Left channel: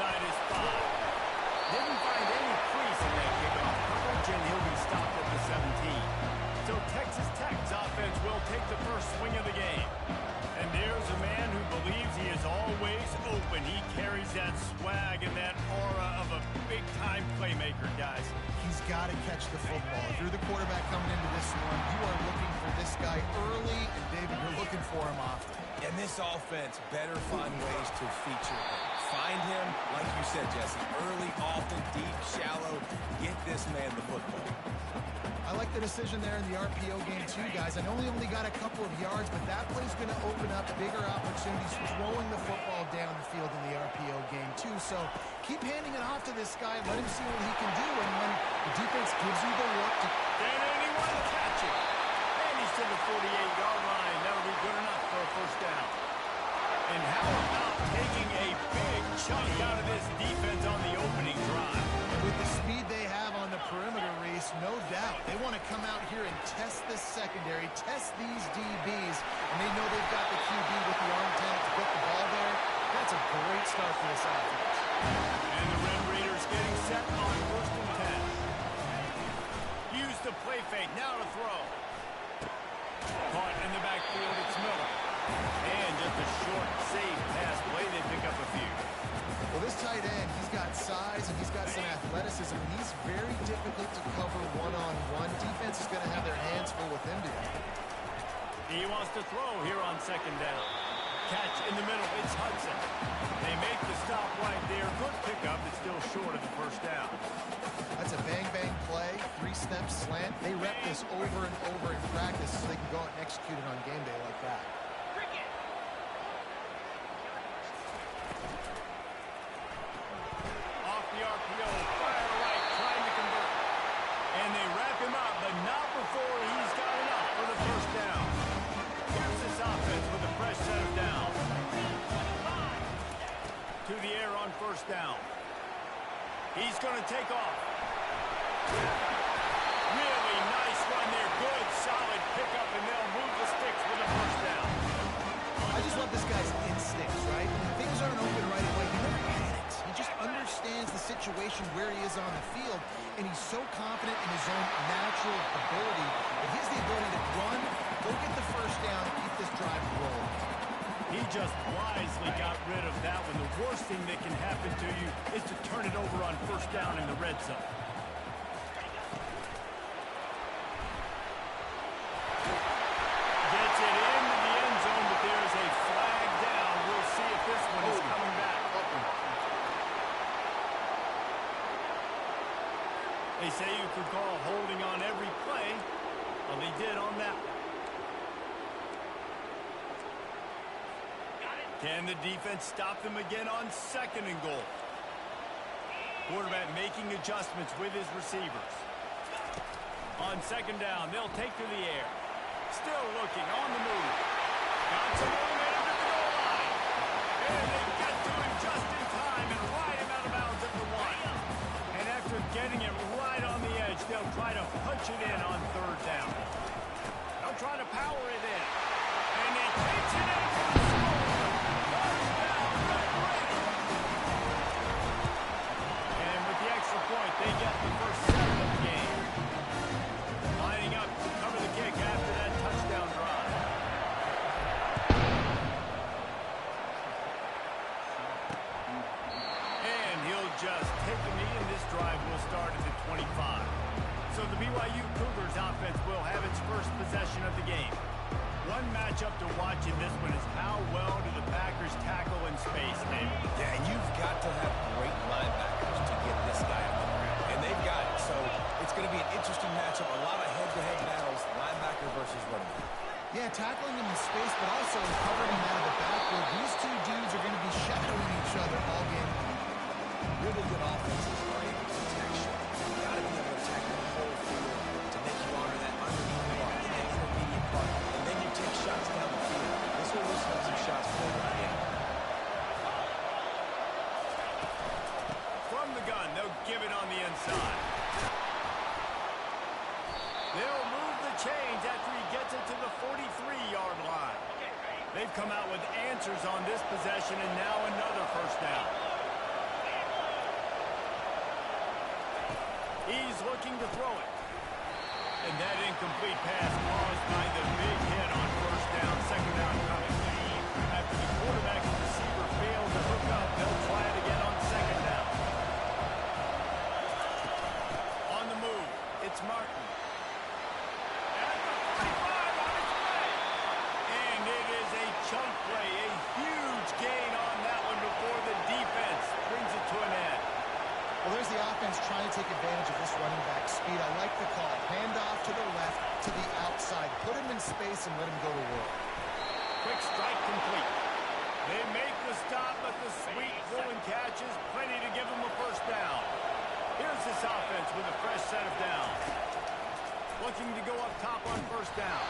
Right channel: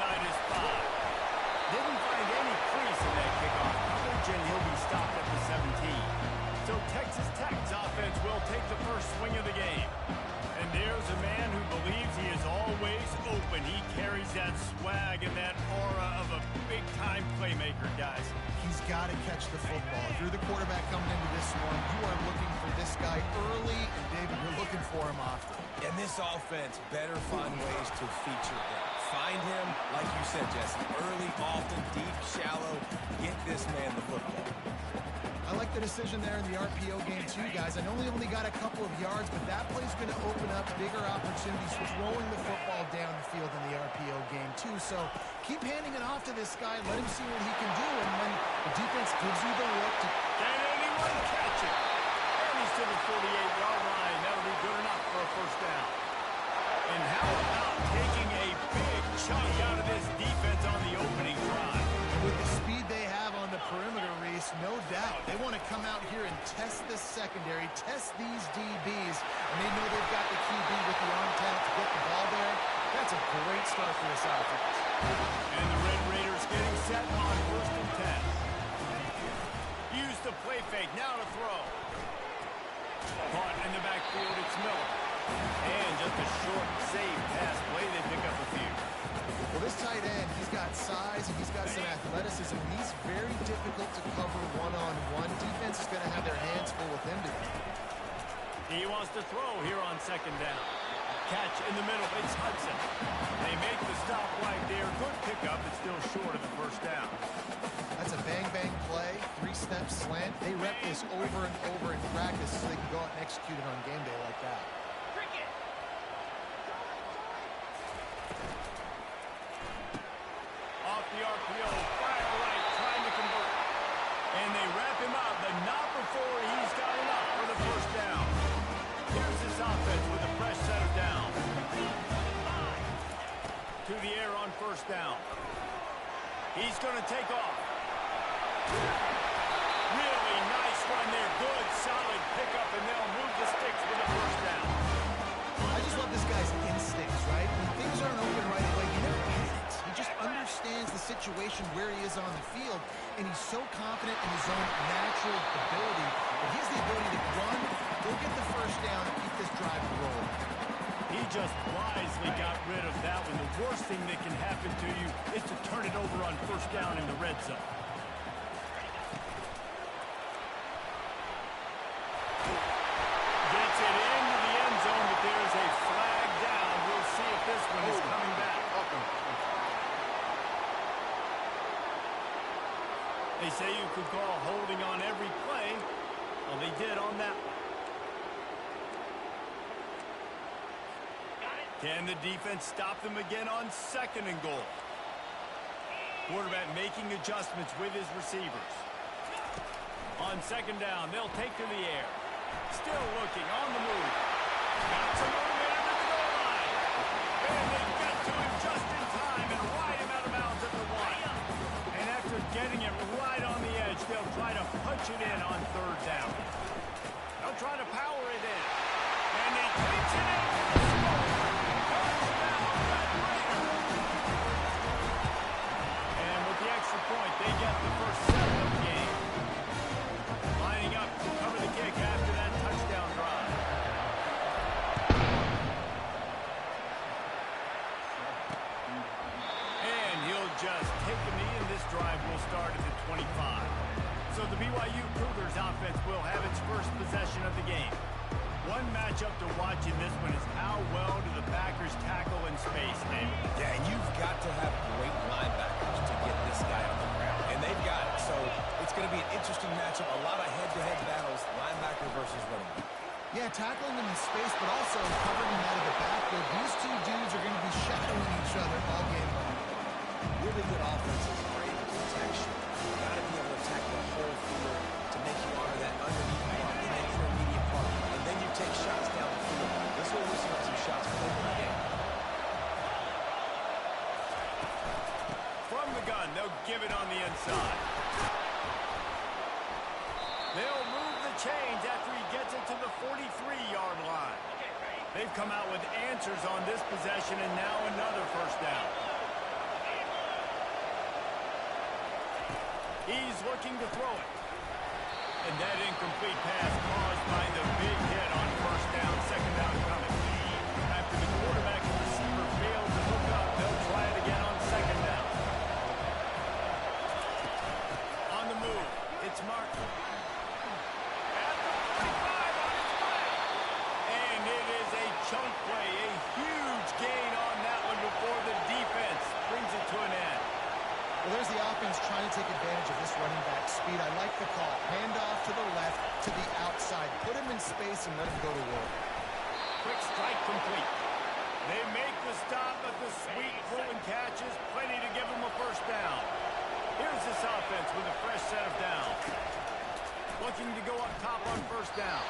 inside his 5. Didn't find any crease in that kickoff coverage, and he'll be stopped at the 17. So Texas Tech's offense will take the first swing of the game. And there's a man who believes he is always open. He carries that swag and that aura of a big-time playmaker, guys. He's got to catch the football. If you're the quarterback coming into this one, you are looking for this guy early, and David, you're looking for him often. And this offense better find ways to feature him. Find him, like you said, Jesse, early, often, deep, shallow. Get this man the football. I like the decision there in the RPO game too, guys. I know he only got a couple of yards, but that play's going to open up bigger opportunities throwing the football down the field in the RPO game too. So keep handing it off to this guy. Let him see what he can do. And when the defense gives you the look to... Can anyone catch it? And he's to the 48-yard line. That'll be good enough for a first down. And how about taking a big chunk out of this defense on the opening drive? And with the speed they have on the perimeter, Reese, no doubt, they want to come out here and test this secondary, test these DBs, and they know they've got the QB with the arm talent to get the ball there. That's a great start for this offense. And the Red Raiders getting set on 1st and 10. Use the play fake, now to throw. Caught in the backfield, it's Miller. And just a short, safe pass play, they pick up a few. Well, this tight end, he's got size and he's got some athleticism, and he's very difficult to cover one-on-one. Defense is going to have their hands full with him today. He wants to throw here on 2nd down. Catch in the middle, it's Hudson. They make the stop right there. Good pickup, it's still short of the first down. That's a bang-bang play, 3-step slant. They rep this over and over in practice so they can go out and execute it on game day like that. Off the RPO, fire right, trying to convert. And they wrap him up, but not before he's got enough for the first down. Here's this offense with a fresh set of downs. To the air on 1st down. He's going to take off. Really nice run there. Good, solid pickup, and they'll move the sticks for the first down. I just love this guy's instincts, right? When things aren't open right away, he never panics. He just understands the situation where he is on the field, and he's so confident in his own natural ability that he has the ability to run, go get the first down, and keep this drive rolling. He just wisely got rid of that one. The worst thing that can happen to you is to turn it over on 1st down in the red zone. Gets it into the end zone, but there's a flag down. We'll see if this one is coming back. They say you could call holding on every play. Well, they did on that one. Can the defense stop them again on 2nd and goal? Quarterback making adjustments with his receivers. On 2nd down, they'll take to the air. Still looking on the move. Got some momentum to the goal line. And they get to him just in time and ride him out of bounds at the 1. And after getting it right on the edge, they'll try to punch it in on 3rd down. They'll try to power it in. And he takes it in for the score. Touchdown, Red Raiders. And with the extra point, they get the first 7 of the game. Lining up to cover the kick after that touchdown drive. And he'll just take a knee, and this drive will start at the 25. So the BYU Cougars offense will have its first possession of the game. One matchup to watch in this one is how well do the Packers tackle in space, David. Yeah, and you've got to have great linebackers to get this guy on the ground. And they've got it. So it's going to be an interesting matchup. A lot of head-to-head battles, linebacker versus running back. Yeah, tackling him in space, but also covering him out of the backfield. These two dudes are going to be shadowing each other all game long. Really good offenses are able to attack short. You've got to be able to attack the whole field to make you honor that underneath part and that intermediate part. And then you take shots down the field. This will loosen up some shots for later in the game. From the gun, they'll give it on the inside. They'll move the chains after he gets it to the 43-yard line. They've come out with answers on this possession, and now another first down. He's looking to throw it. And that incomplete pass caused by the big hit on first down, second down coming. After the quarterback and receiver failed to hook up, they'll try it again on second down. On the move, it's Martin. At the 45 on its way. And it is a chunk play, a huge gain on that one before the defense brings it to an end. Well, there's the offense trying to take advantage of this running back speed. I like the call. Hand off to the left, to the outside. Put him in space and let him go to work. Quick strike complete. They make the stop, but the sweet throw and catch is plenty to give them a first down. Here's this offense with a fresh set of downs. Looking to go up top on first down.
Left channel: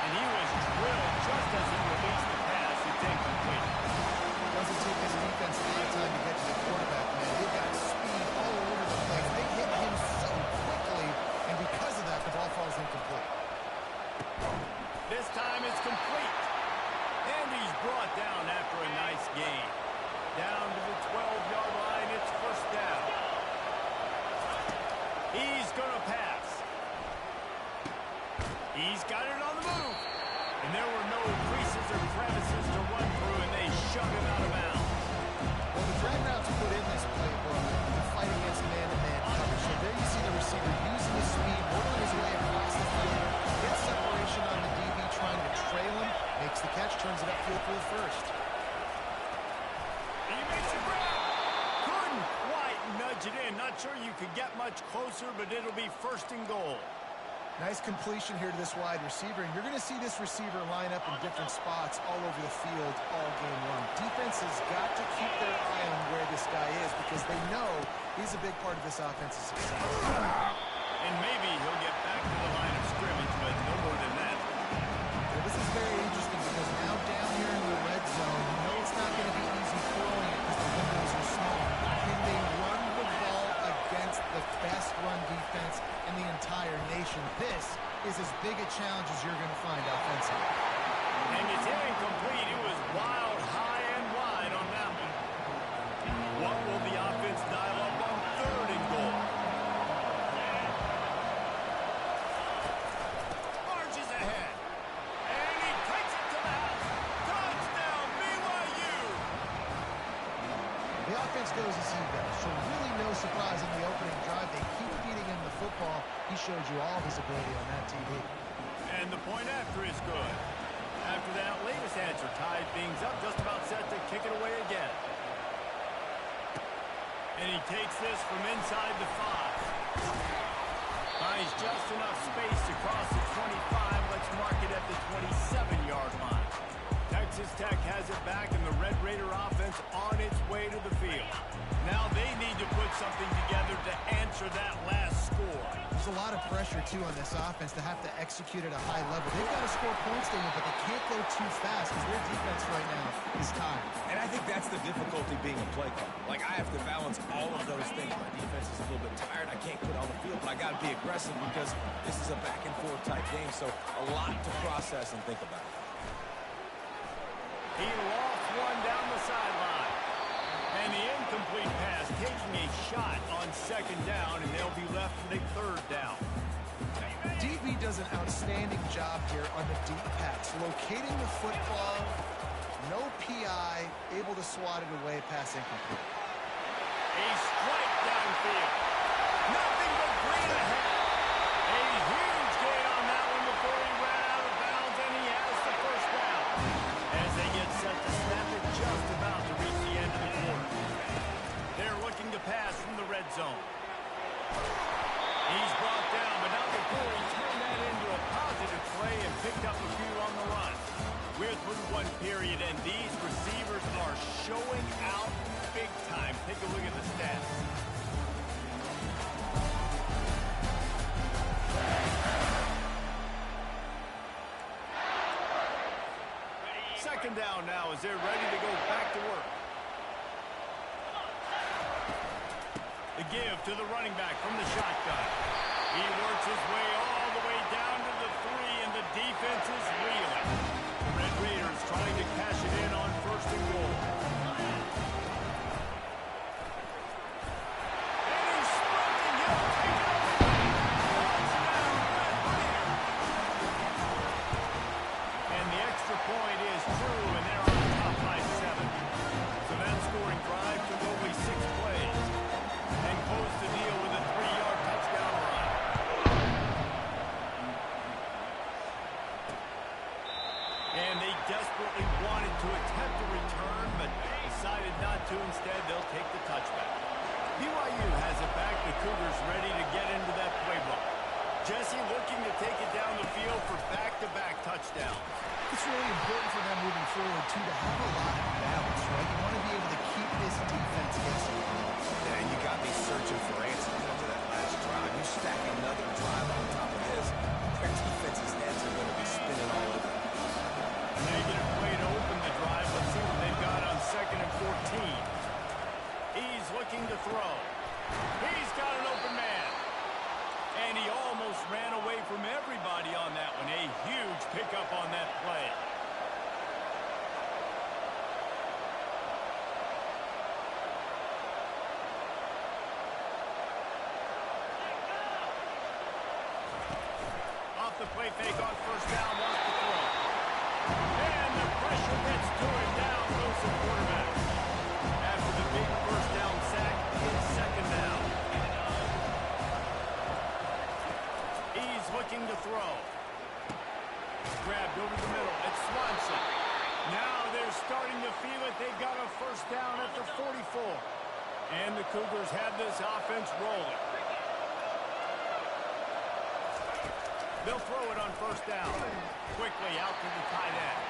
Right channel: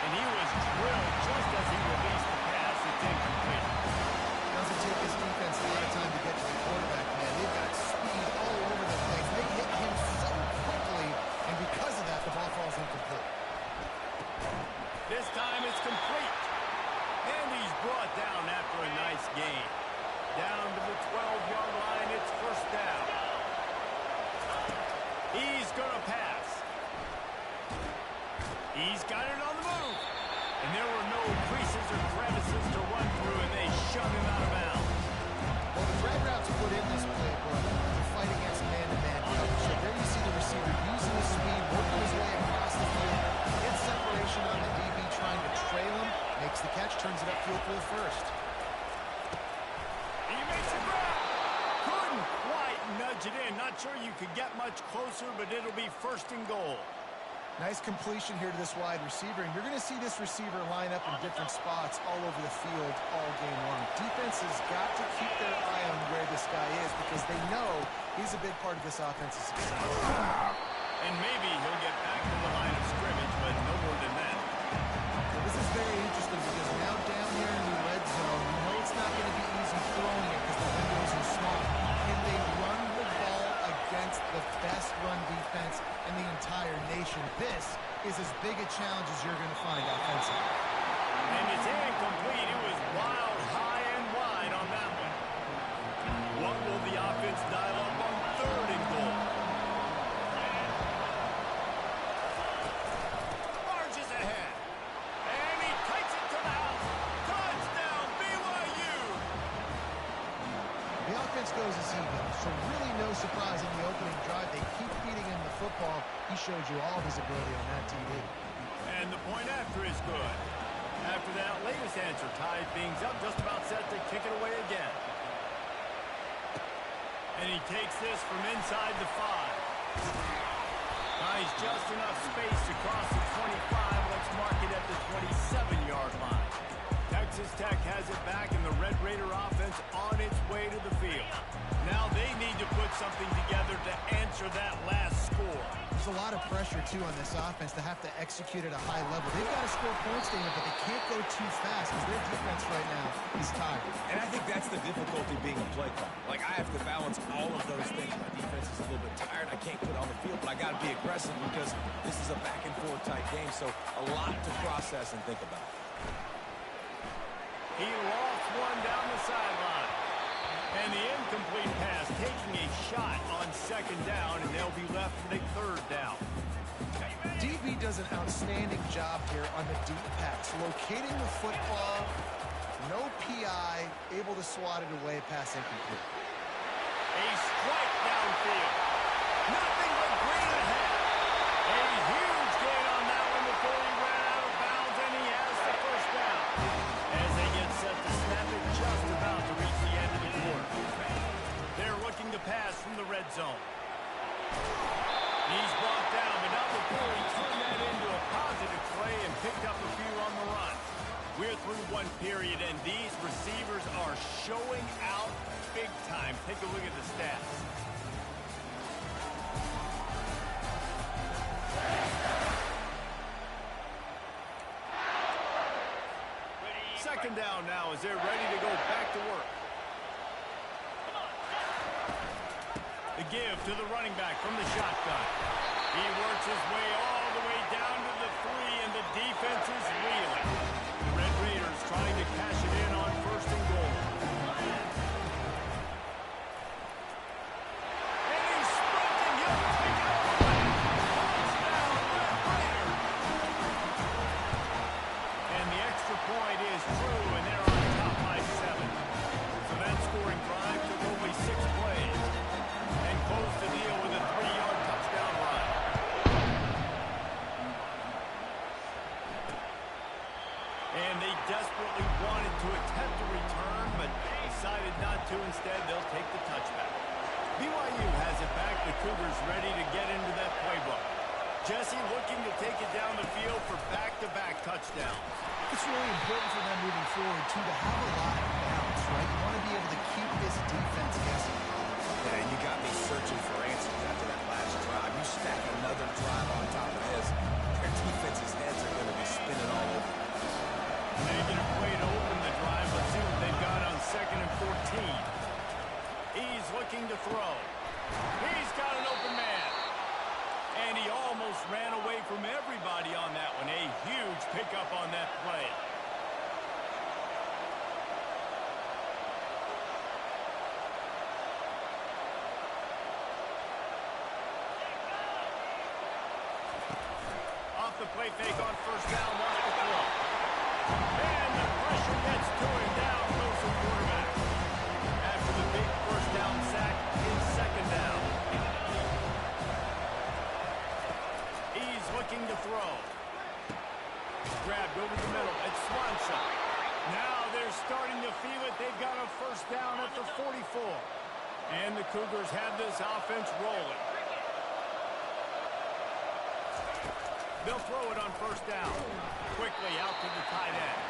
And he was drilled just as he released the pass. It's incomplete. Doesn't take this defense a lot of time to get to the quarterback, man. They've got speed all over the place. They hit him so quickly, and because of that, the ball falls incomplete. This time it's complete. And he's brought down after a nice gain. Down to the 12-yard line, it's first down. He's going to pass. He's got it on the move. And there were no creases or crevices to run through, and they shoved him out of bounds. Well, the drag routes put in this playbook to fight against man-to-man coverage. So there you see the receiver using his speed, working his way across the field, gets separation on the DB trying to trail him, makes the catch, turns it upfield for the first. He makes a grab. Couldn't quite nudge it in. Not sure you could get much closer, but it'll be first and goal. Nice completion here to this wide receiver, and you're going to see this receiver line up in different spots all over the field all game long. Defense has got to keep their eye on where this guy is because they know he's a big part of this offense's success. And maybe he'll get back to the line of scrimmage, but no more than that. Well, this is very interesting because now down here in the red zone, you know it's not going to be easy throwing it because the windows are small. Can they run the ball against the best run defense in the entire nation? This is as big a challenge as you're going to find offensively. And it's incomplete. It was wild, high and wide on that one. What will the offense dial up on third and goal? Marches ahead. And he takes it to the house. Touchdown, BYU! The offense goes as he goes, so really no surprise in the opening drive. They keep feeding him the football. He showed you all of his ability on that TD. And the point after is good. After that latest answer tied things up, just about set to kick it away again. And he takes this from inside the 5. Buys just enough space to cross the 25. Let's mark it at the 27-yard line. Texas Tech has it back, and the Red Raider offense on its way to the field. Now they need to put something together to answer that last score. There's a lot of pressure, too, on this offense to have to execute at a high level. They've got to score points, David, but they can't go too fast because their defense right now is tired. And I think that's the difficulty being a play caller. Like, I have to balance all of those things. My defense is a little bit tired. I can't put it on the field, but I got to be aggressive because this is a back-and-forth type game, so a lot to process and think about. He lofts one down the sideline. And the incomplete pass taking a shot on second down, and they'll be left with a third down. DB does an outstanding job here on the deep pass. Locating the football, no PI, able to swat it away, pass incomplete. A strike downfield. Nothing but green ahead. A huge gain on that one before he ran out of bounds, and he has the first down. As they get set to snap it, just about to reach the end of the quarter. They're looking to pass from the red zone. He's brought down, but not before he turned that into a positive play and picked up a few on the run. We're through one period, and these receivers are showing out big time. Take a look at the stats. Second down now as they're ready to go back to work. The give to the running back from the shotgun. He works his way all the way down to the 3, and the defense is reeling. The Red Raiders trying to cash it in on first and goal. And he's sprinting. He'll take it but decided not to. Instead, they'll take the touchback. BYU has it back. The Cougars ready to get into that playbook. Jesse looking to take it down the field for back-to-back touchdowns. It's really important for them moving forward, too, to have a lot of balance, right? You want to be able to keep this defense guessing. Yeah, and you got me searching for answers after that last drive. You stack another drive on top of this, their defense's heads are going to be spinning all over the place. Negative play to open the drive. Let's see what they've got on 2nd and 14. He's looking to throw. He's got an open man. And he almost ran away from everybody on that one. A huge pickup on that play. Off the play fake on 1st down, wants to throw. And the pressure gets to him. Down goes the quarterback. After the big 1st down sack in 2nd down. He's looking to throw. Grabbed over the middle. It's Swanson. Now they're starting to feel it. They've got a 1st down at the 44. And the Cougars have this offense rolling. They'll throw it on 1st down. Quickly out to the tight end.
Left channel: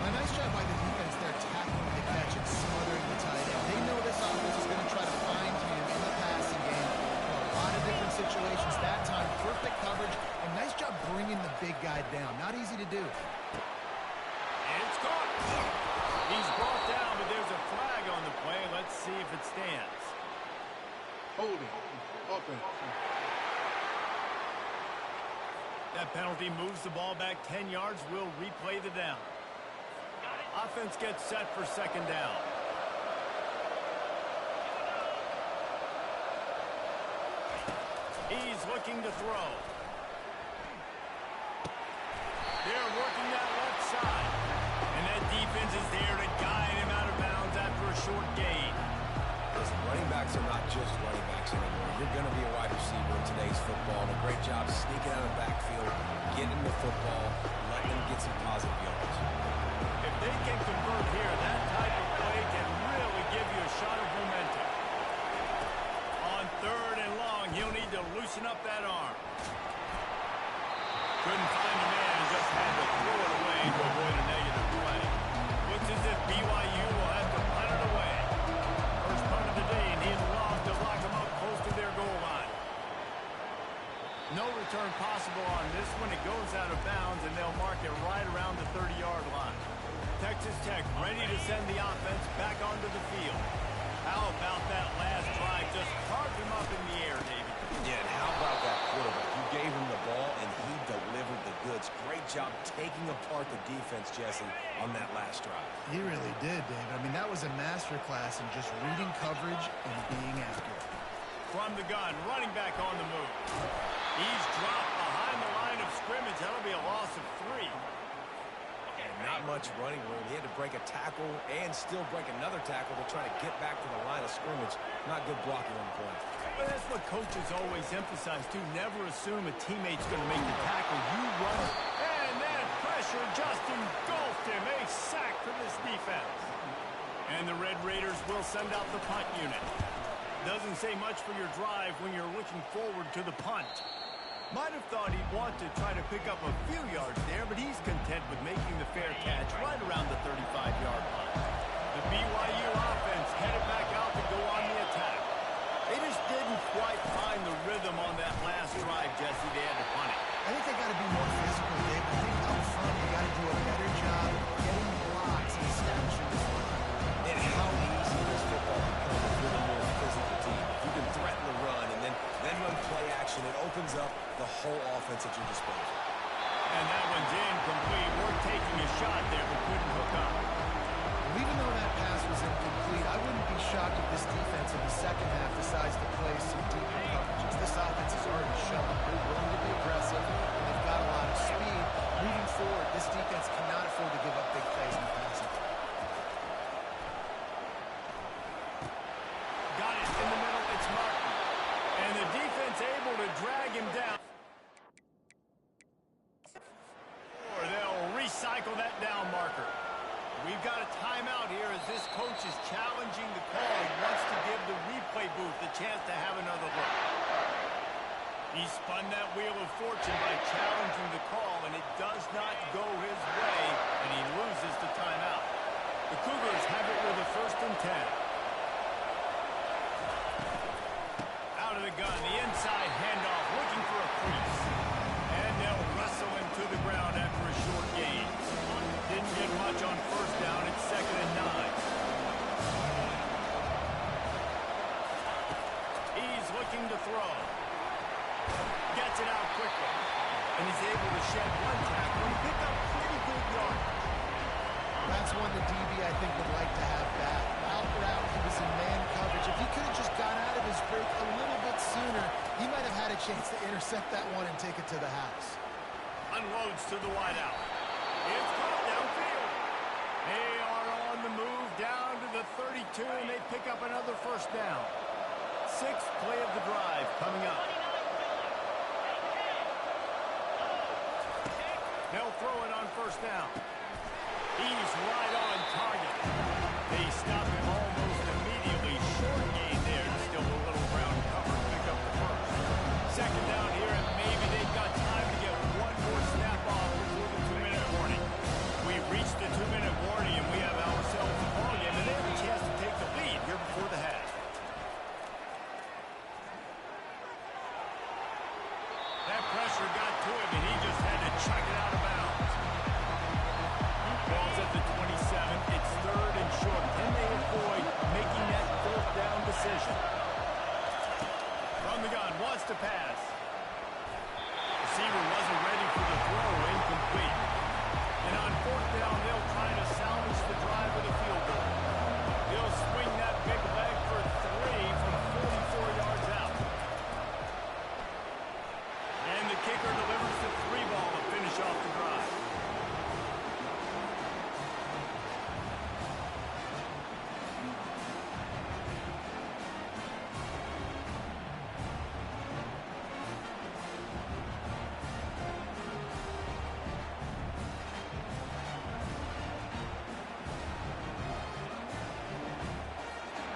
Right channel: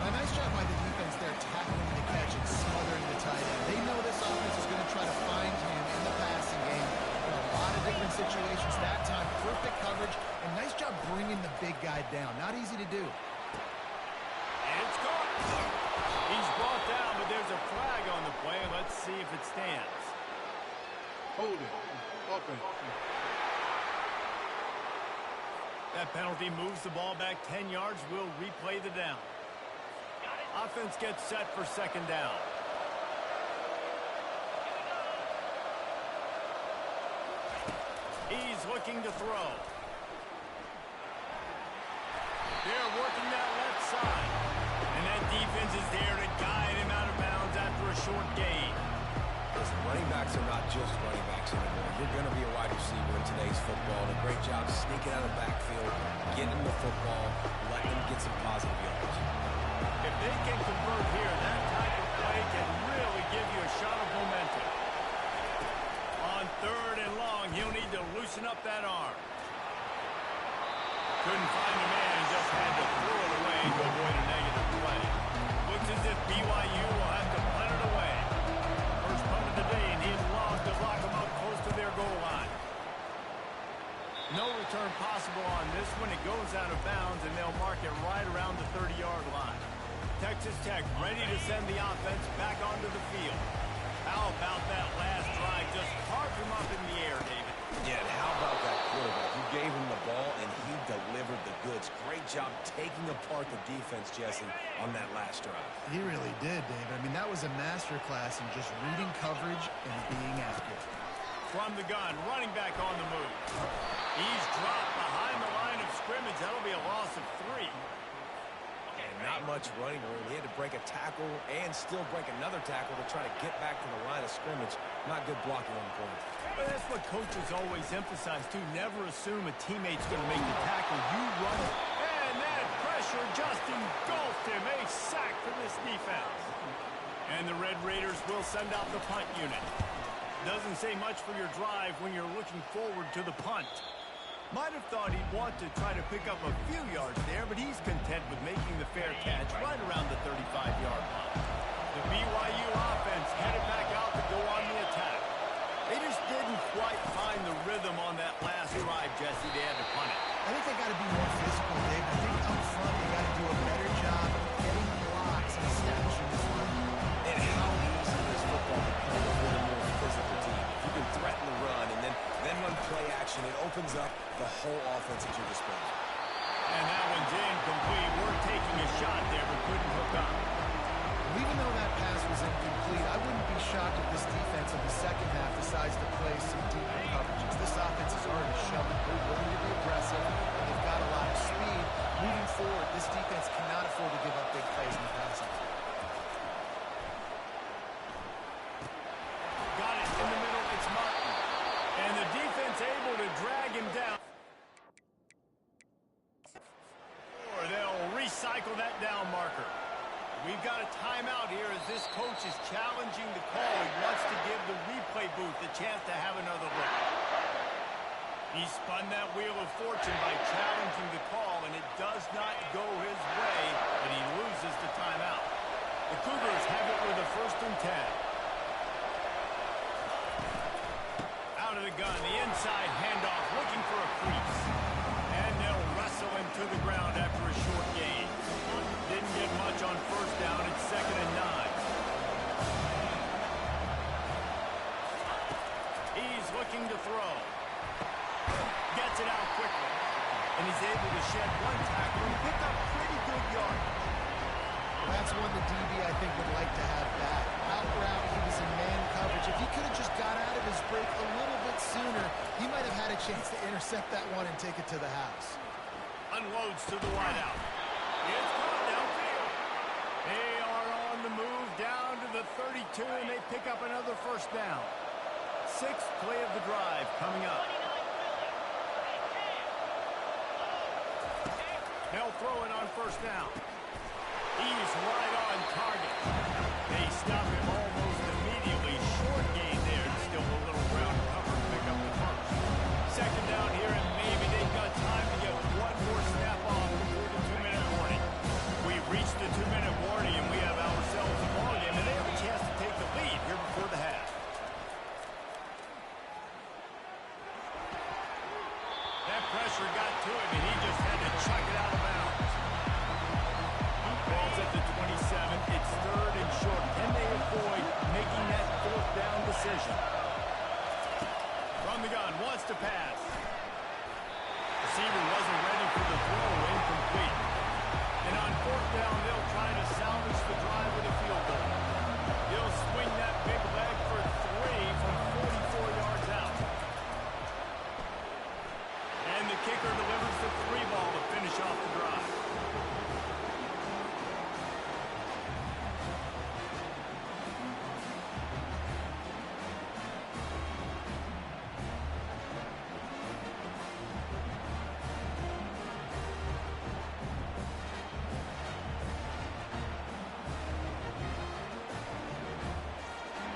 A nice job by the defense there tackling the catch and smothering the tight end. They know this offense is going to try to find him in the passing game in a lot of different situations. That time, perfect coverage, and nice job bringing the big guy down. Not easy to do. It's caught. He's brought down, but there's a flag on the play. Let's see if it stands. Hold it. Open. That penalty moves the ball back 10 yards. We'll replay the down. Offense gets set for 2nd down. He's looking to throw. They're working that left side. And that defense is there to guide him out of bounds after a short gain. Listen, running backs are not just running backs anymore. You're going to be a wide receiver in today's football, and a great job sneaking out of the backfield, getting the football, letting them get some positive yards. If they can convert here, that type of play can really give you a shot of momentum. On 3rd and long, he'll need to loosen up that arm. Couldn't find a man and just had to throw it away to avoid a negative play. Looks as if BYU will have to punt it away. First punt of the day, and he'd love to lock them up close to their goal line. No return possible on this one. It goes out of bounds, and they'll mark it right around the 30-yard line. Texas Tech ready to send the offense back onto the field. How about that last drive? Just carved him up in the air, David. Yeah, and how about that quarterback? You gave him the ball, and he delivered the goods. Great job taking apart the defense, Jesse, on that last drive. He really did, David. I mean, that was a masterclass in just reading coverage and being accurate. From the gun, running back on the move. He's dropped behind the line of scrimmage. That'll be a loss of 3. Not much running room. He had to break a tackle and still break another tackle to try to get back to the line of scrimmage. Not good blocking on the play. Well, that's what coaches always emphasize, too. Never assume a teammate's going to make the tackle. You run. And that pressure just engulfed him. A sack for this defense. And the Red Raiders will send out the punt unit. Doesn't say much for your drive when you're looking forward to the punt. Might have thought he'd want to try to pick up a few yards there, but he's content with making the fair catch right around the 35-yard line. The BYU offense headed back out to go on the attack. They just didn't quite find the rhythm on that last drive, Jesse. They had to punt it. I think they got to be more physical, Dave. I think up front they got to do a better job getting blocks and establishing this run. And how easy does football become with a more physical team? If you can threaten the run and then run play action, it opens up the whole offense at your disposal. And that one's incomplete. We're taking a shot there, but couldn't hook up. Well, even though that pass was incomplete, I wouldn't be shocked if this defense in the second half decides to play some deeper coverages. This offense is already showing they're willing to be aggressive, and they've got a lot of speed. Moving forward, this defense cannot afford to give up big plays in the passing. Got it in the middle. It's Martin. And the defense able to drag him down. Or they'll recycle that down marker. We've got a timeout here as this coach is challenging the call. He wants to give the replay booth a chance to have another look. He spun that wheel of fortune by challenging the call, and it does not go his way, and he loses the timeout. The Cougars have it with a 1st and 10. Out of the gun, the inside handoff, looking for a crease. And they'll wrestle him to the ground after a short gain. Didn't get much on 1st down. It's 2nd and 9. He's looking to throw. Gets it out quickly. And he's able to shed 1 tackle and pick up pretty good yardage. That's one the DB, I think, would like to have back. Out route, he was in man coverage. If he could have just got out of his break a little bit sooner, he might have had a chance to intercept that one and take it to the house. Unloads to the wideout. It's caught downfield. They are on the move down to the 32, and they pick up another 1st down. 6th play of the drive coming up. They'll throw it on 1st down. He's right on target. They stop him almost immediately. Short gain there. Still a little ground cover to pick up the 1st. 2nd down here, and maybe they've got time to get one more snap off before the 2-minute warning. We reached the 2-minute warning, and we have ourselves a ball game, and they have a chance to take the lead here before the half. That pressure got to him, and he just had to chuck it out of bounds. Ball's at the 27. It's 3rd and short. Can they avoid making that 4th down decision? From the gun, wants to pass. Receiver wasn't ready for the throw, incomplete. And on 4th down, they'll try to salvage the drive with a field goal. He'll swing that big leg for 3 from 44 yards out. And the kicker delivers the 3 ball to finish off the drive.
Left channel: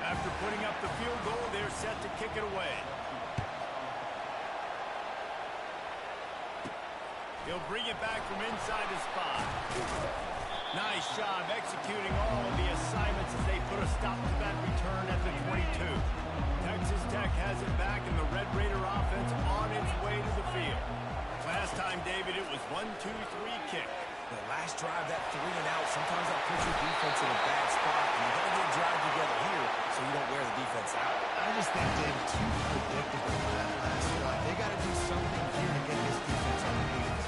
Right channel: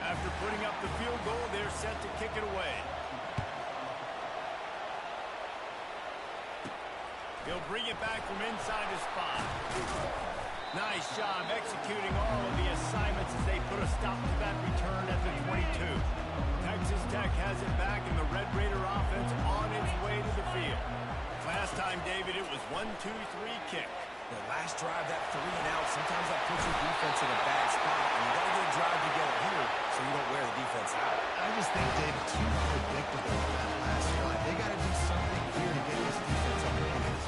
After putting up the field goal, they're set to kick it away. He'll bring it back from inside his spot. Nice job executing all of the assignments as they put a stop to that return at the 22. Texas Tech has it back, and the Red Raider offense on its way to the field. Last time, David, it was 1-2-3 kick. The last drive, that 3 and out, sometimes that puts your defense in a bad spot, and you got to get a drive together here so you don't wear the defense out. I just think, David, too predictable with that last drive. They got to do something here to get this defense on the heels.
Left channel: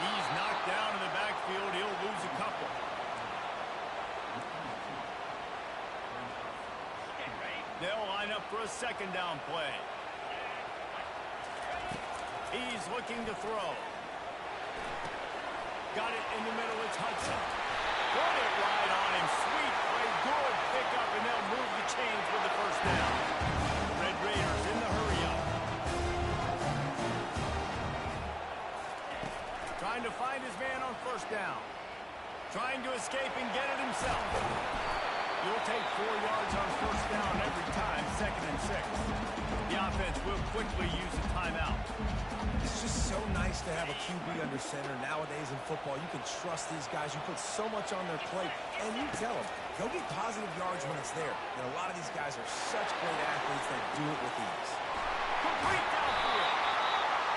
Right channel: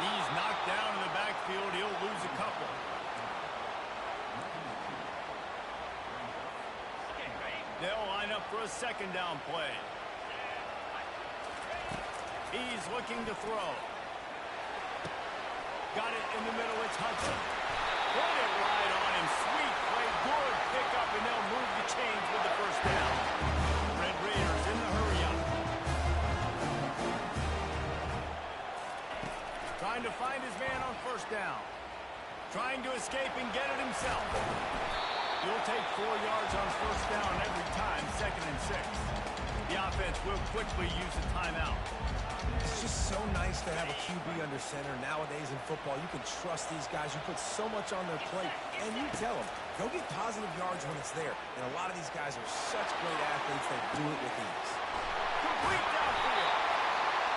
He's knocked down in the backfield. He'll lose a couple. They'll line up for a 2nd down play. He's looking to throw. Got it in the middle. It's Hudson. Put it right on him. Sweet play. Good pickup, and they'll move the chains with the 1st down. Red Raiders in the hurry-up. Trying to find his man on 1st down. Trying to escape and get it himself. You'll take 4 yards on 1st down every time. 2nd and 6. The offense will quickly use a timeout. It's just so nice to have a QB under center. Nowadays in football, you can trust these guys. You put so much on their plate, and you tell them, go get positive yards when it's there. And a lot of these guys are such great athletes that do it with ease. Complete downfield.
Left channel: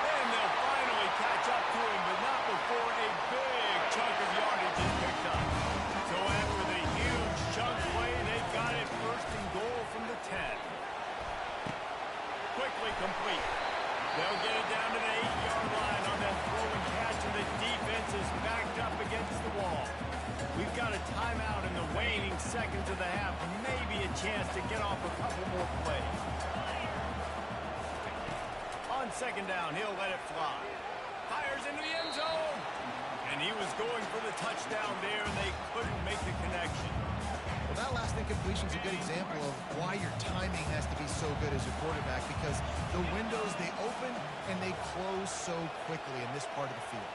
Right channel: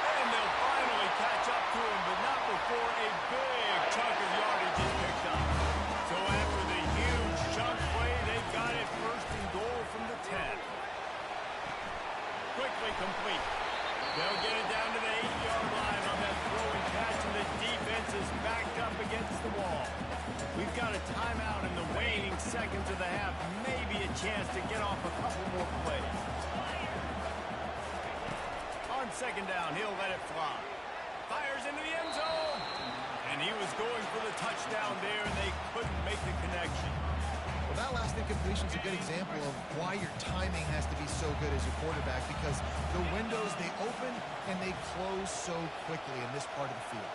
And they'll finally catch up to him, but not before a big chunk of yardage is picked up. So after the huge chunk play, they got it 1st and goal from the 10. Quickly complete. They'll get it down to the 8-yard line on that throw and catch, and the defense is backed up against the wall. We've got a timeout in the waning seconds of the half. Maybe a chance to get off a couple more plays. On 2nd down, he'll let it fly. Fires into the end zone. And he was going for the touchdown there, and they couldn't make the connection. Well, that last incompletion is a good example of why your timing has to be so good as a quarterback, because the windows, they open and they close so quickly in this part of the field.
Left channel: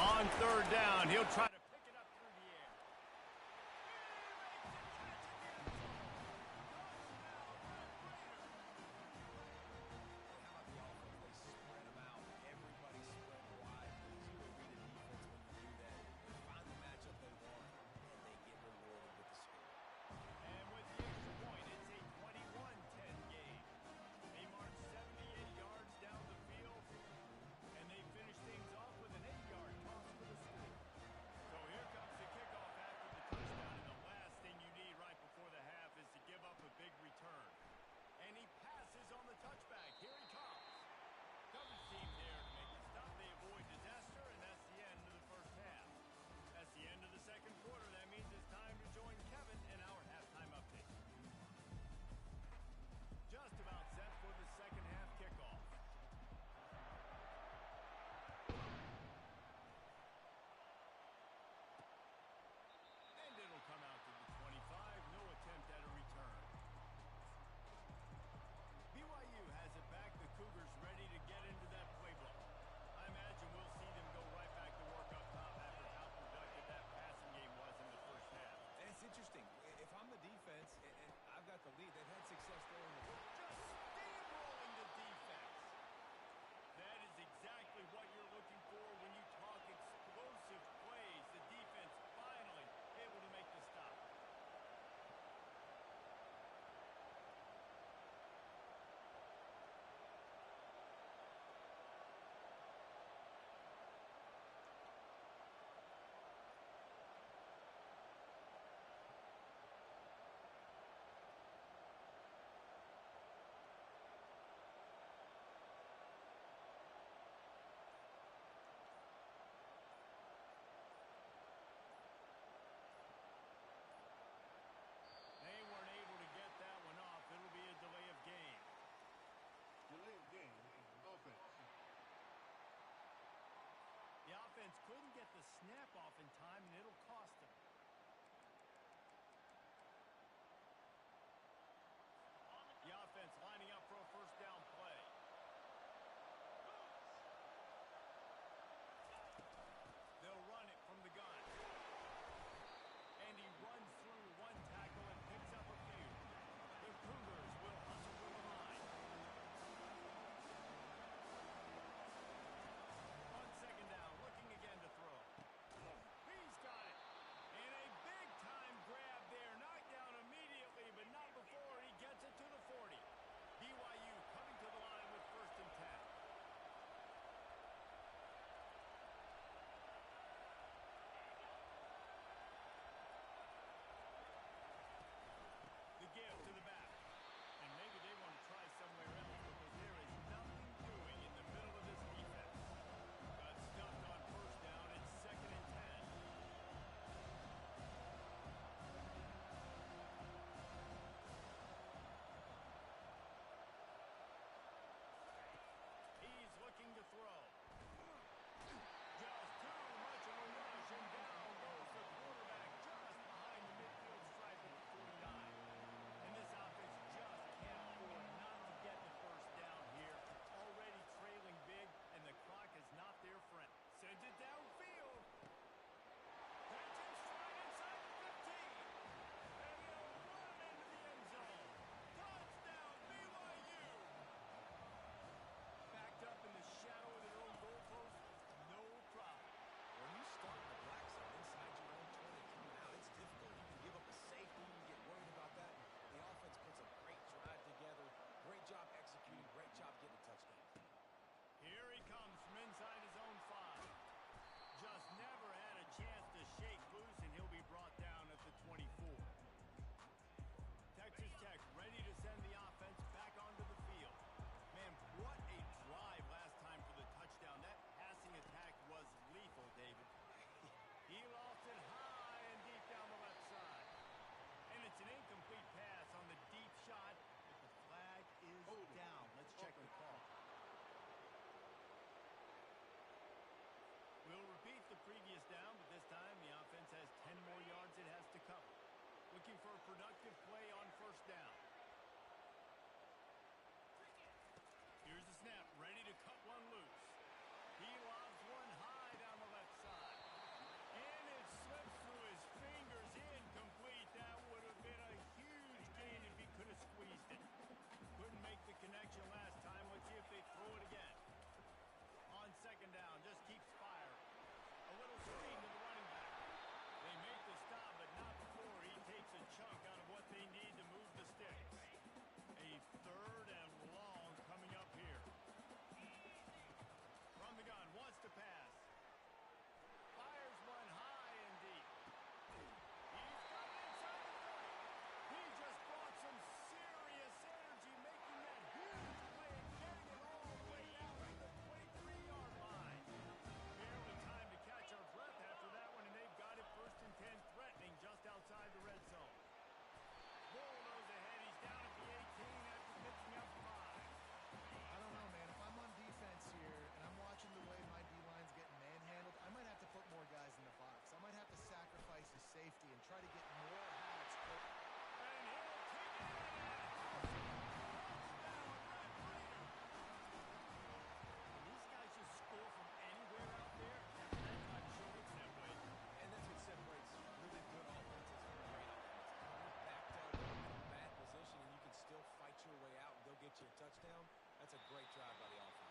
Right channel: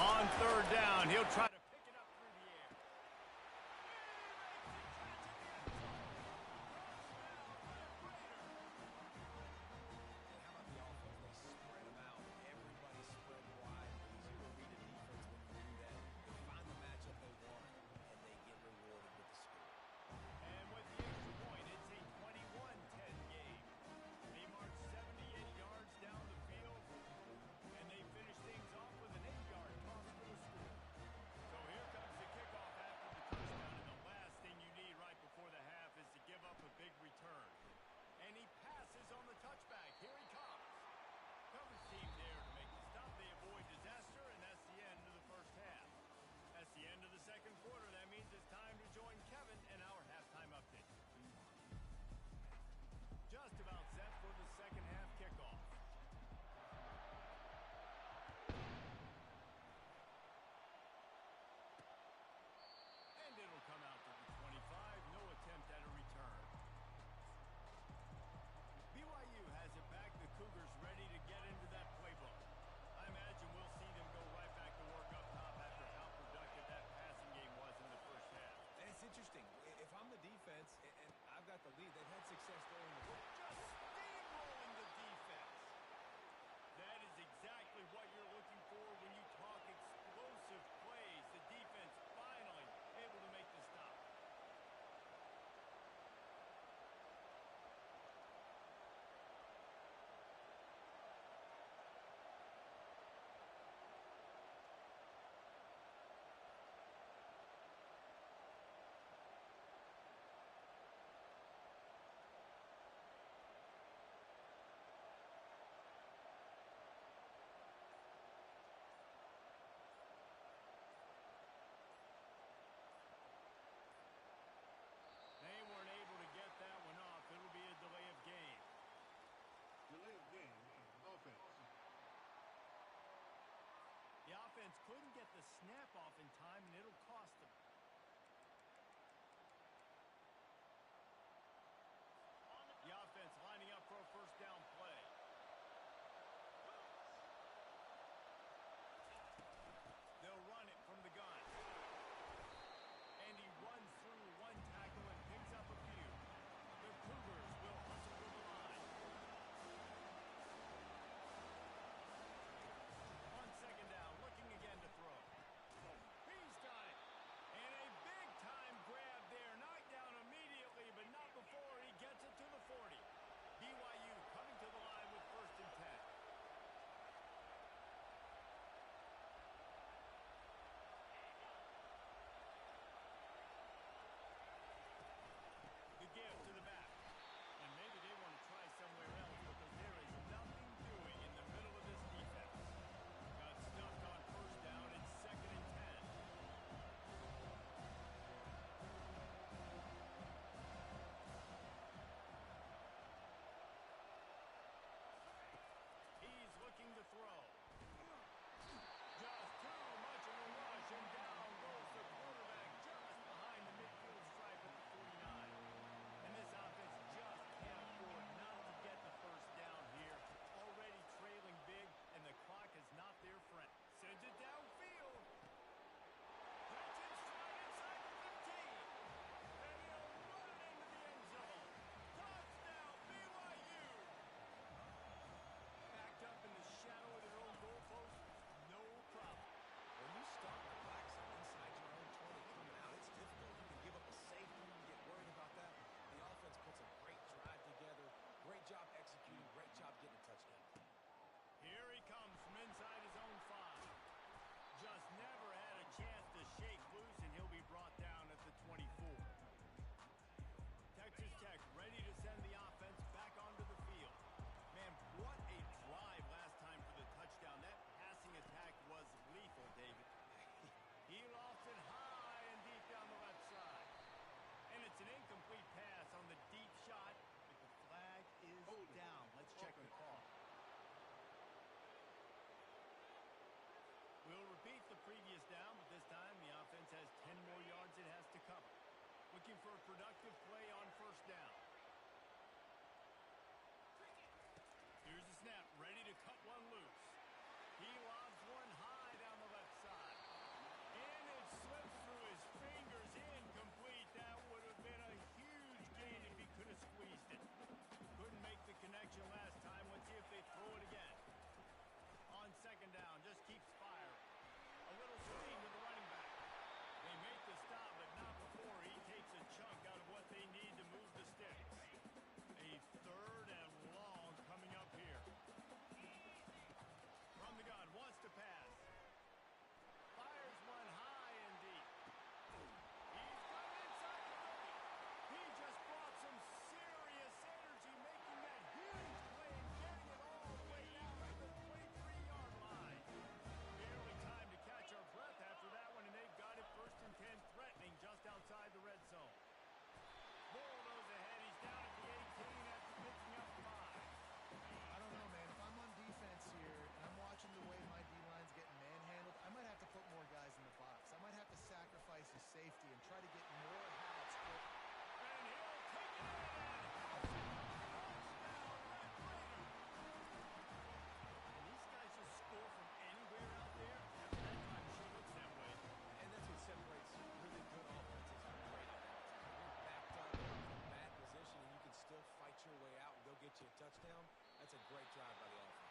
On third down, he'll try to pick it up through the air. He makes the catch at the end zone. Touchdown, Red Raiders. Hey, how about the offense? They spread them out. Everybody spread wide. Easier to read a defense when you do that. They find the matchup they want, and they get rewarded with the score. And with the extra point, it's a 21-10 game. They march 78 yards down the field, and they finish things off with an 8-yard toss for the score. So here comes the kickoff after the touchdown, and the last thing you need right before the half is to give up a big return. And he passes on the touchback. Here he comes. Coverage team there to make the stop. They avoid disaster, and that's the end of the first half. That's the end of the second quarter. That means it's time to join Kevin in our halftime update. Just about set for the second half kickoff. And it'll come out to the 25. No attempt at a return. BYU has it back. The Cougars ready to get into that playbook. I imagine we'll see them go right back to work up top after how productive that passing game was in the first half. And it's interesting. If I'm the defense and I've got the lead, they've had success throwing the ball. Just steamrolling the defense. That is exactly what you're looking for when you talk explosive plays. The defense finally able to make the stop. They weren't able to get that one off. It'll be a delay of game. Delay of game. Offense. The offense couldn't get the snap off in time, and it'll cost them. The offense lining up for a first down play. They'll run it from the gun. And he runs through one tackle and picks up a few. The Cougars will hustle to the line. On second down, looking again to throw. He's got it. And a big-time grab there. Knocked down immediately, but not before he gets it to the 40. BYU coming to the line with first and 10. The give to the back. And maybe they want to try somewhere else because there is nothing doing in the middle of this defense. Got stuffed on first down. It's second and 10. He's looking to throw. Just too much of a rush, and down goes the quarterback just behind the midfield stripe at the 49. And this offense just can't afford not to get the first down here. Already trailing big, and the clock is not their friend. Sends it downfield. Catch him straight inside the 15. And he'll run it into the end zone. Touchdown, BYU. Backed up in the shadow of their own goalpost. No problem. When you start in the black zone inside your own 20 coming out, it's difficult. You can give up a safety. You can get worried about that. The offense puts a great drive together. Great job executing. Great job getting a touchdown. Here he comes from inside his own 5. Just never had a chance to shake loose, and he'll be brought down at the 24. Texas Tech ready to send the offense back onto the field. Man, what a drive last time for the touchdown. That passing attack was lethal, David. He lost it high and deep down the left side. And it's an incomplete pass on the deep shot, but the flag is down. Let's check the call. We'll repeat the previous down, but this time the offense has 10 more yards it has to cover. Looking for a productive play on first down. Here's the snap, ready to cut one loose. He lobs one high down the left side. connection last time. Let's see if they throw it again. On second down, just keeps firing. A little screen to the running back. They make the stop, but not before he takes a chunk out of what they need to move the sticks. A 3rd and long coming up here. From the gun, wants to pass. Fires one high and deep. He's got it inside the 30. He just brought some serious energy, making that huge play and getting it all the way down to the 23-yard line. Barely time to catch our breath after that one, and they've got it 1st and 10, threatening just outside the red zone. Bulldoze ahead. He's down at the 18 after picking up 5. I don't know, man. If I'm on defense here and I'm watching the way my D-line's getting manhandled, I might have to put more guys in the box. I might have to sacrifice his safety and try to get more hats. And he'll take it in and house it. Touchdown, Red Raider. And these guys just score from anywhere out there. After that time, it sure looks that way. And that's what separates really good offenses from great offenses. When you're backed up in a bad position and you can still fight your way out and go get you a touchdown, that's a great drive by the offense.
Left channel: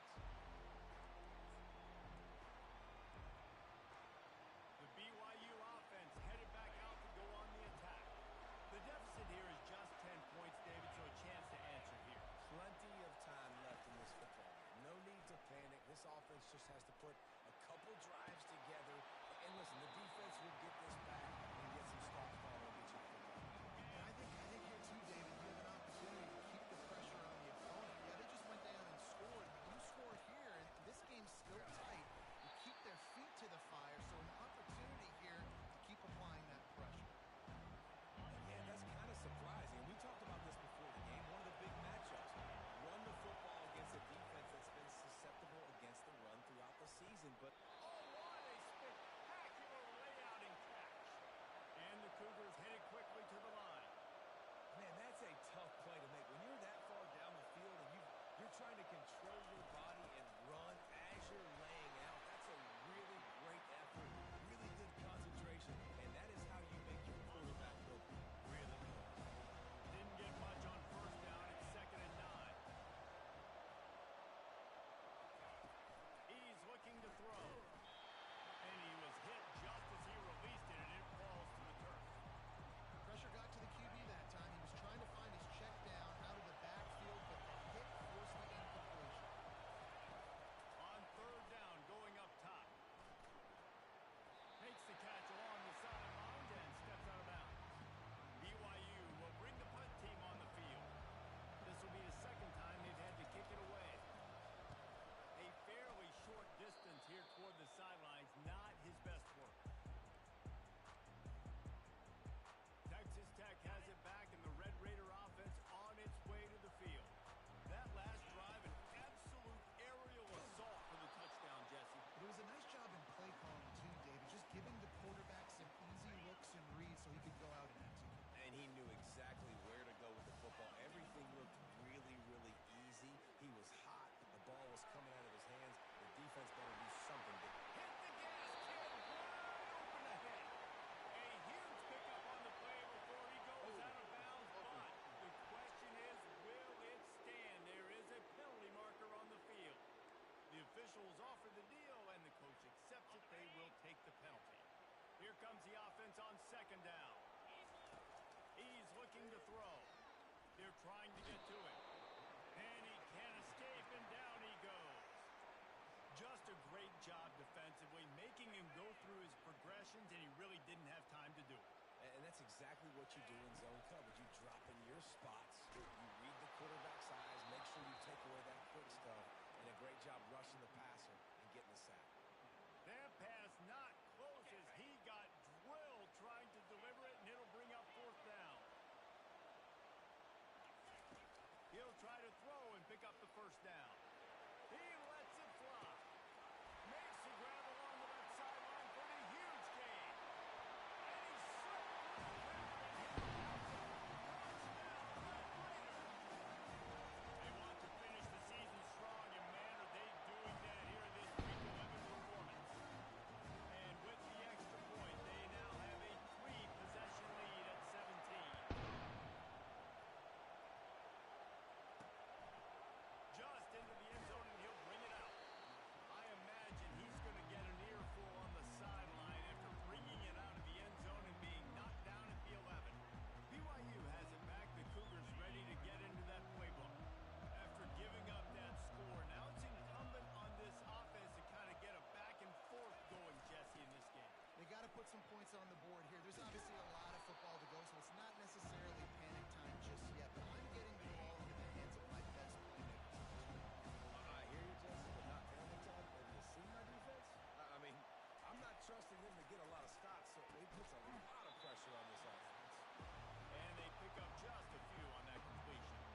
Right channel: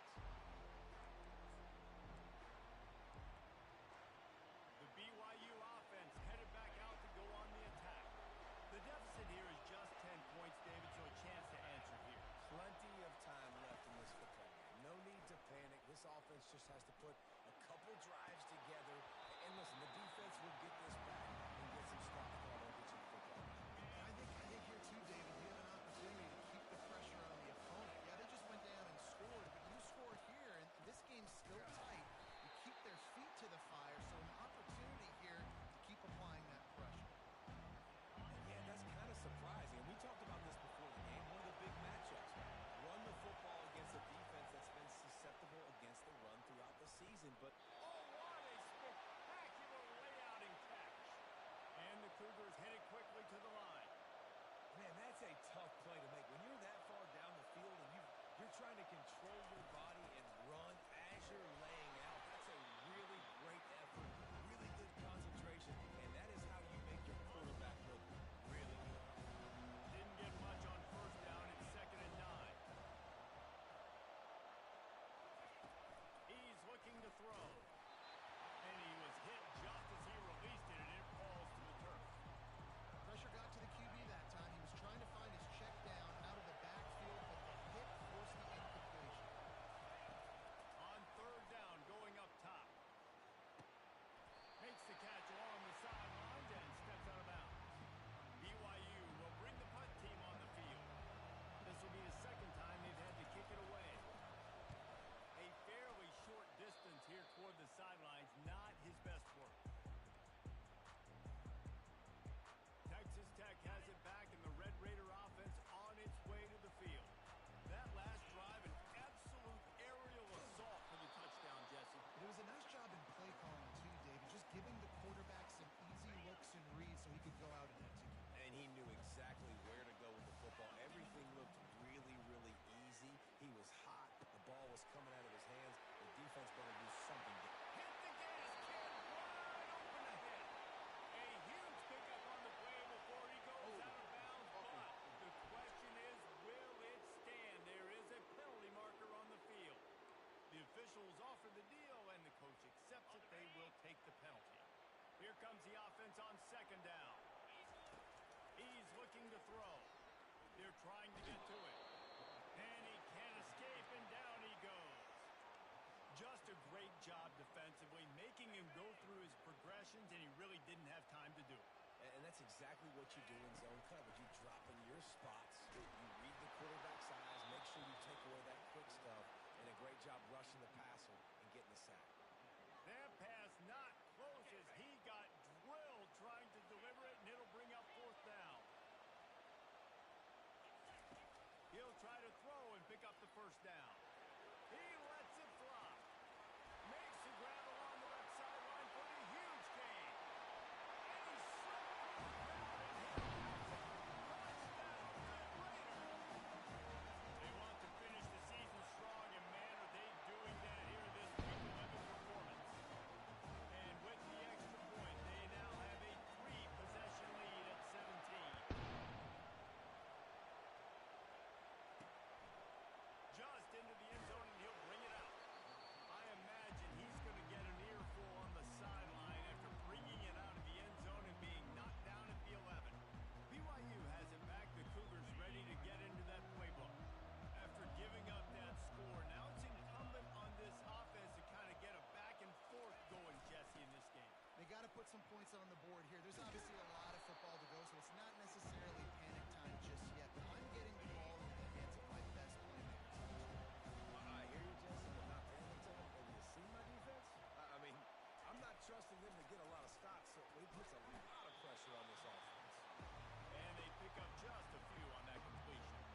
The BYU offense headed back out to go on the attack. The deficit here is just 10 points, David, so a chance to answer here. Plenty of time left in this football game. No need to panic. This offense just has to put a couple drives together. And listen, the defense will get this back and get some stops. Ball won't get you the football. And I think here too, David, you have an opportunity to keep the pressure on the opponent. Yeah, they just went down and scored, but you score here, and this game's still tight. You keep their feet to the fire, so an opportunity here to keep applying that pressure. Yeah, that's kind of surprising. And we talked about this before the game. One of the big matchups. Run the football against a defense that's been susceptible against the run throughout the season. But oh, what a spectacular layout and catch. And the Cougars headed quickly to the line. Man, that's a tough play to make. When you're that far down the field and you're trying to control your body and run as you're laying out, that's a really great effort, really good concentration, and that is how you make your quarterback look really good. Didn't get much on 1st down. It's 2nd and 9. He's looking to throw. And he was hit just as he released it, and it falls to the turf. Pressure got to the QB that time. He was trying to find his check down out of the backfield, but the hit forced the incompletion. On 3rd down, going up top. Makes the catch along the sidelines and steps out of bounds. BYU will bring the punt team on the field. This will be the 2nd time they've had to kick it away. A fairly short distance here toward the sidelines, not his best work. Texas Tech has it back, and the Red Raider offense on its way to the field. That last drive, an absolute aerial assault for the touchdown, Jesse. But it was a nice job in play calling, too, David, just giving the quarterback some easy looks and reads so he could go out and execute. And he knew exactly where to go with the football. Everything looked really, really easy. He was hot. The ball was coming out of his hands. The defense better do something to hit the gas, kid, wide open ahead. A huge pickup on the play before he goes out of bounds, but the question is, will it stand? There is a penalty marker on the field. The officials offer the deal, and the coach accepts it. They will take the penalty. Here comes the offense on 2nd down. He's looking to throw. They're trying to get to him. And he can't escape, and down he goes. Just a great job defensively, making him go through his progressions, and he really didn't have time to do it. And that's exactly what you do in zone coverage. You drop in your spots, you read the quarterback's eyes, make sure you take away that quick stuff, and a great job rushing the passer and getting the sack. That pass not close as he got drilled trying to deliver it, and it'll bring up 4th down. He'll try to throw and pick up the 1st down. He lets it fly. Makes the grab along the left sideline for the huge gain. And he slipped through the crowd and hit a house. Touchdown, Red Raider. They want to finish the season strong, and man, are they doing that here in this Week 11 performance. And with the extra point, they now have a 3-possession lead at 17. get some points on the board here. There's obviously a lot of football to go, so it's not necessarily panic time just yet. But I'm getting the ball into the hands of my best playmakers on this one. I hear you, Jesse, but not panic time. Have you seen my defense? I mean, I'm not trusting them to get a lot of stops, so it puts a lot of pressure on this offense. And they pick up just a few on that completion.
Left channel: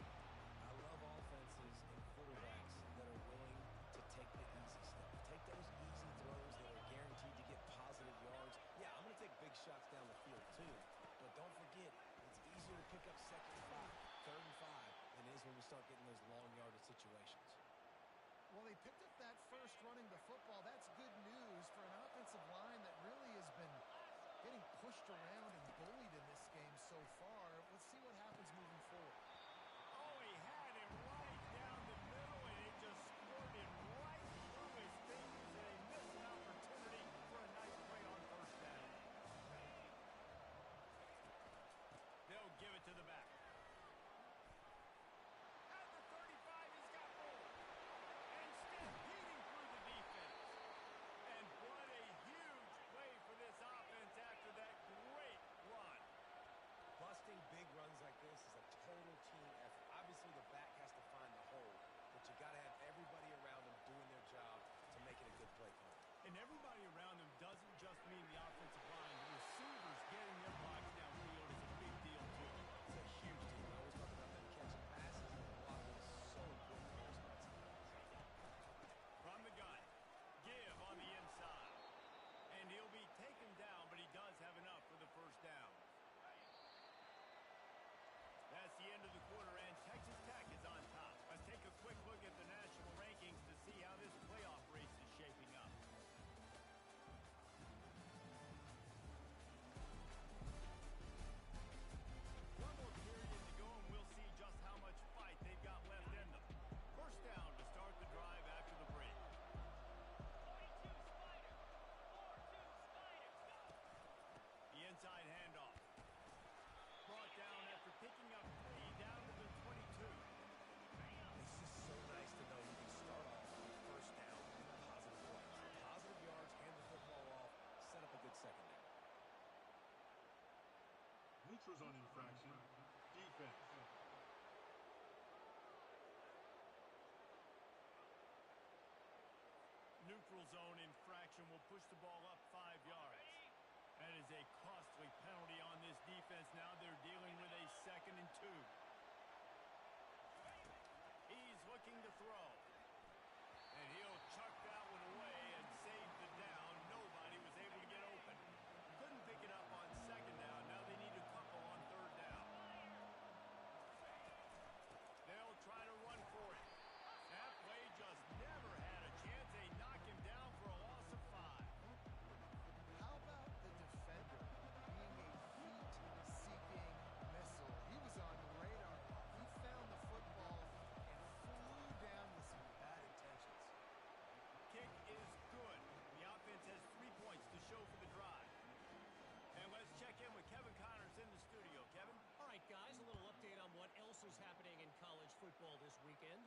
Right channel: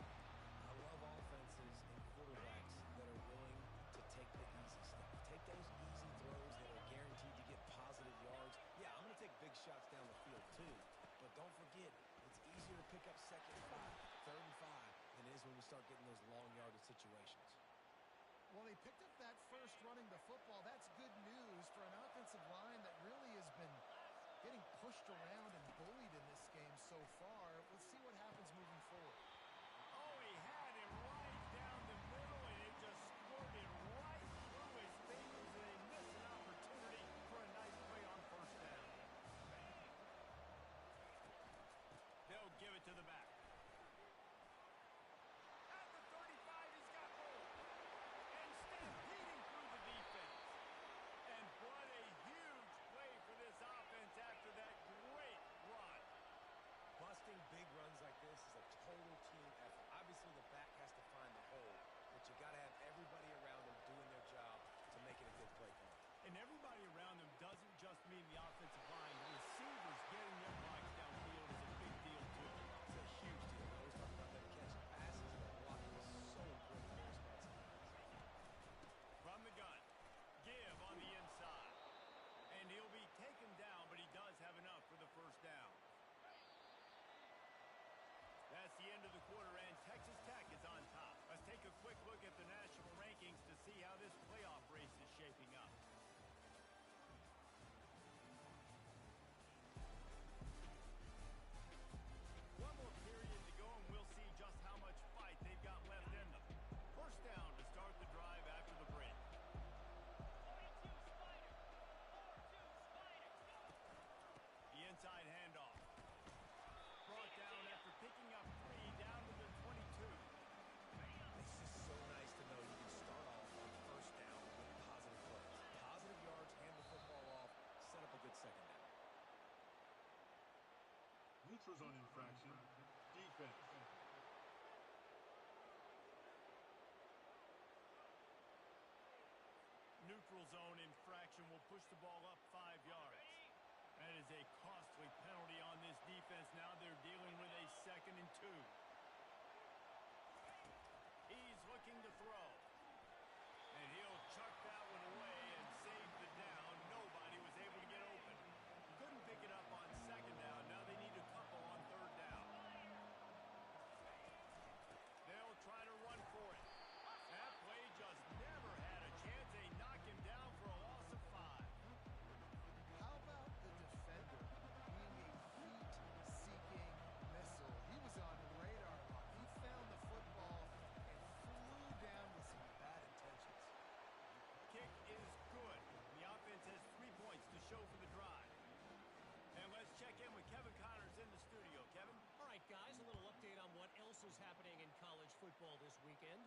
I love offenses and quarterbacks that are willing to take the easy stuff. Take those easy throws that are guaranteed to get positive yards. Yeah, I'm going to take big shots down the field too. But don't forget, it's easier to pick up 2nd and 5, 3rd and 5 than it is when we start getting those long yardage situations. Well, they picked up that first running the football. That's good news for an offensive line that really has been getting pushed around and bullied in this game so far. Let's see what happens moving forward. Oh, he had it right down the middle, and it just squirted right through his fingers, and they missed an opportunity for a nice play on 1st down. They'll give it to the back. At the 35, he's got more. And stampeding through the defense. And what a huge play for this offense after that great run. Busting big runs like this is a total team effort. Obviously, the back has to find the hole, but you got to have everybody around them doing their job to make it a good play call. And everybody around them doesn't just mean the offensive line. The receivers getting their blocks downfield is a big deal, too. It's a huge deal. We always talk about them catching passes, but blocking is so important for their responsibilities. From the gun, give on the inside. And he'll be taken down, but he does have enough for the 1st down. That's the end of the quarter, and Texas Tech is on top. Let's take a quick look at the national rankings to see how this playoff race is shaping up. One more period to go, and we'll see just how much fight they've got left in them. 1st down to start the drive after the break. 42 Spiders. 4-2 Spiders. Go! The inside handoff. Brought down after picking up 3 down to the 22. It's just so nice to know you can start off on 1st down with positive plays. Positive yards, hand the football off, set up a good 2nd down. Neutral zone infraction. Defense. Neutral zone infraction will push the ball up 5 yards. That is a costly penalty on this defense. Now they're dealing with a 2nd and 2. He's looking to throw. And he'll chuck that one away and save the down. Nobody was able to get open. Couldn't pick it up on 2nd down. Now they need a couple on 3rd down. They'll try to run for it. That play just never had a chance. They knock him down for a loss of 5. How about the defender being a heat-seeking missile? He was on radar lock. He found the football and flew down with some bad intentions. Kick is good. The offense has 3 points to show for the drive. And let's check in with Kevin Connors in the studio. Kevin? All right, guys, a little update on what else is happening in college football this weekend.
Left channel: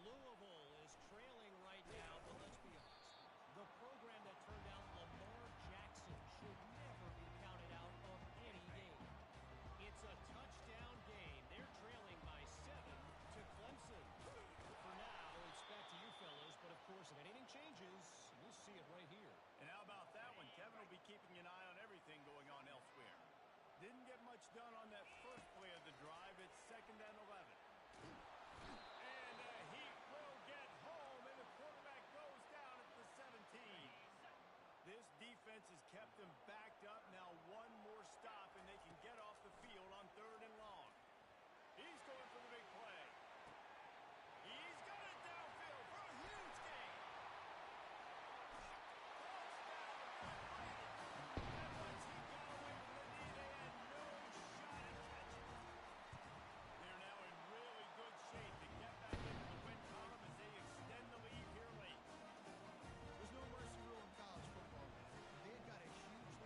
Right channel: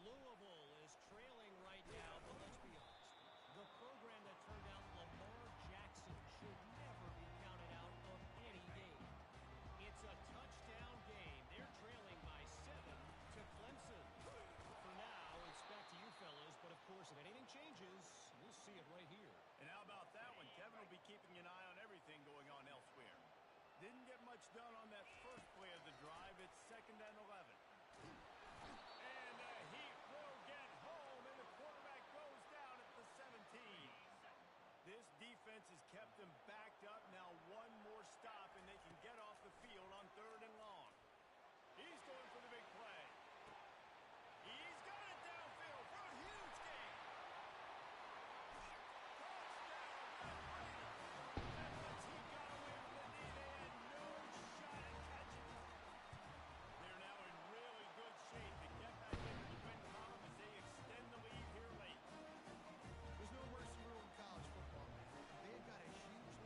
Louisville is trailing right now, but let's be honest. The program that turned out Lamar Jackson should never be counted out of any game. It's a touchdown game. They're trailing by 7 to Clemson. For now, it's back to you fellas, but of course, if anything changes, you'll see it right here. And how about that one? Kevin will be keeping an eye on everything going on elsewhere. Didn't get much done on that first play of the drive. It's 2nd and 11. And the Heat will get home, and the quarterback goes down at the 17. This defense has kept them backed up. Now one more stop, and they can get off the field on 3rd and long. He's going for the big play. He's got it downfield for a huge gain. Touchdown, Brett Brady. And once he got away from the knee, they had no shot at catching. They're now in really good shape to get back into the win column as they extend the lead here late. There's no mercy rule in college football, man. They've got a huge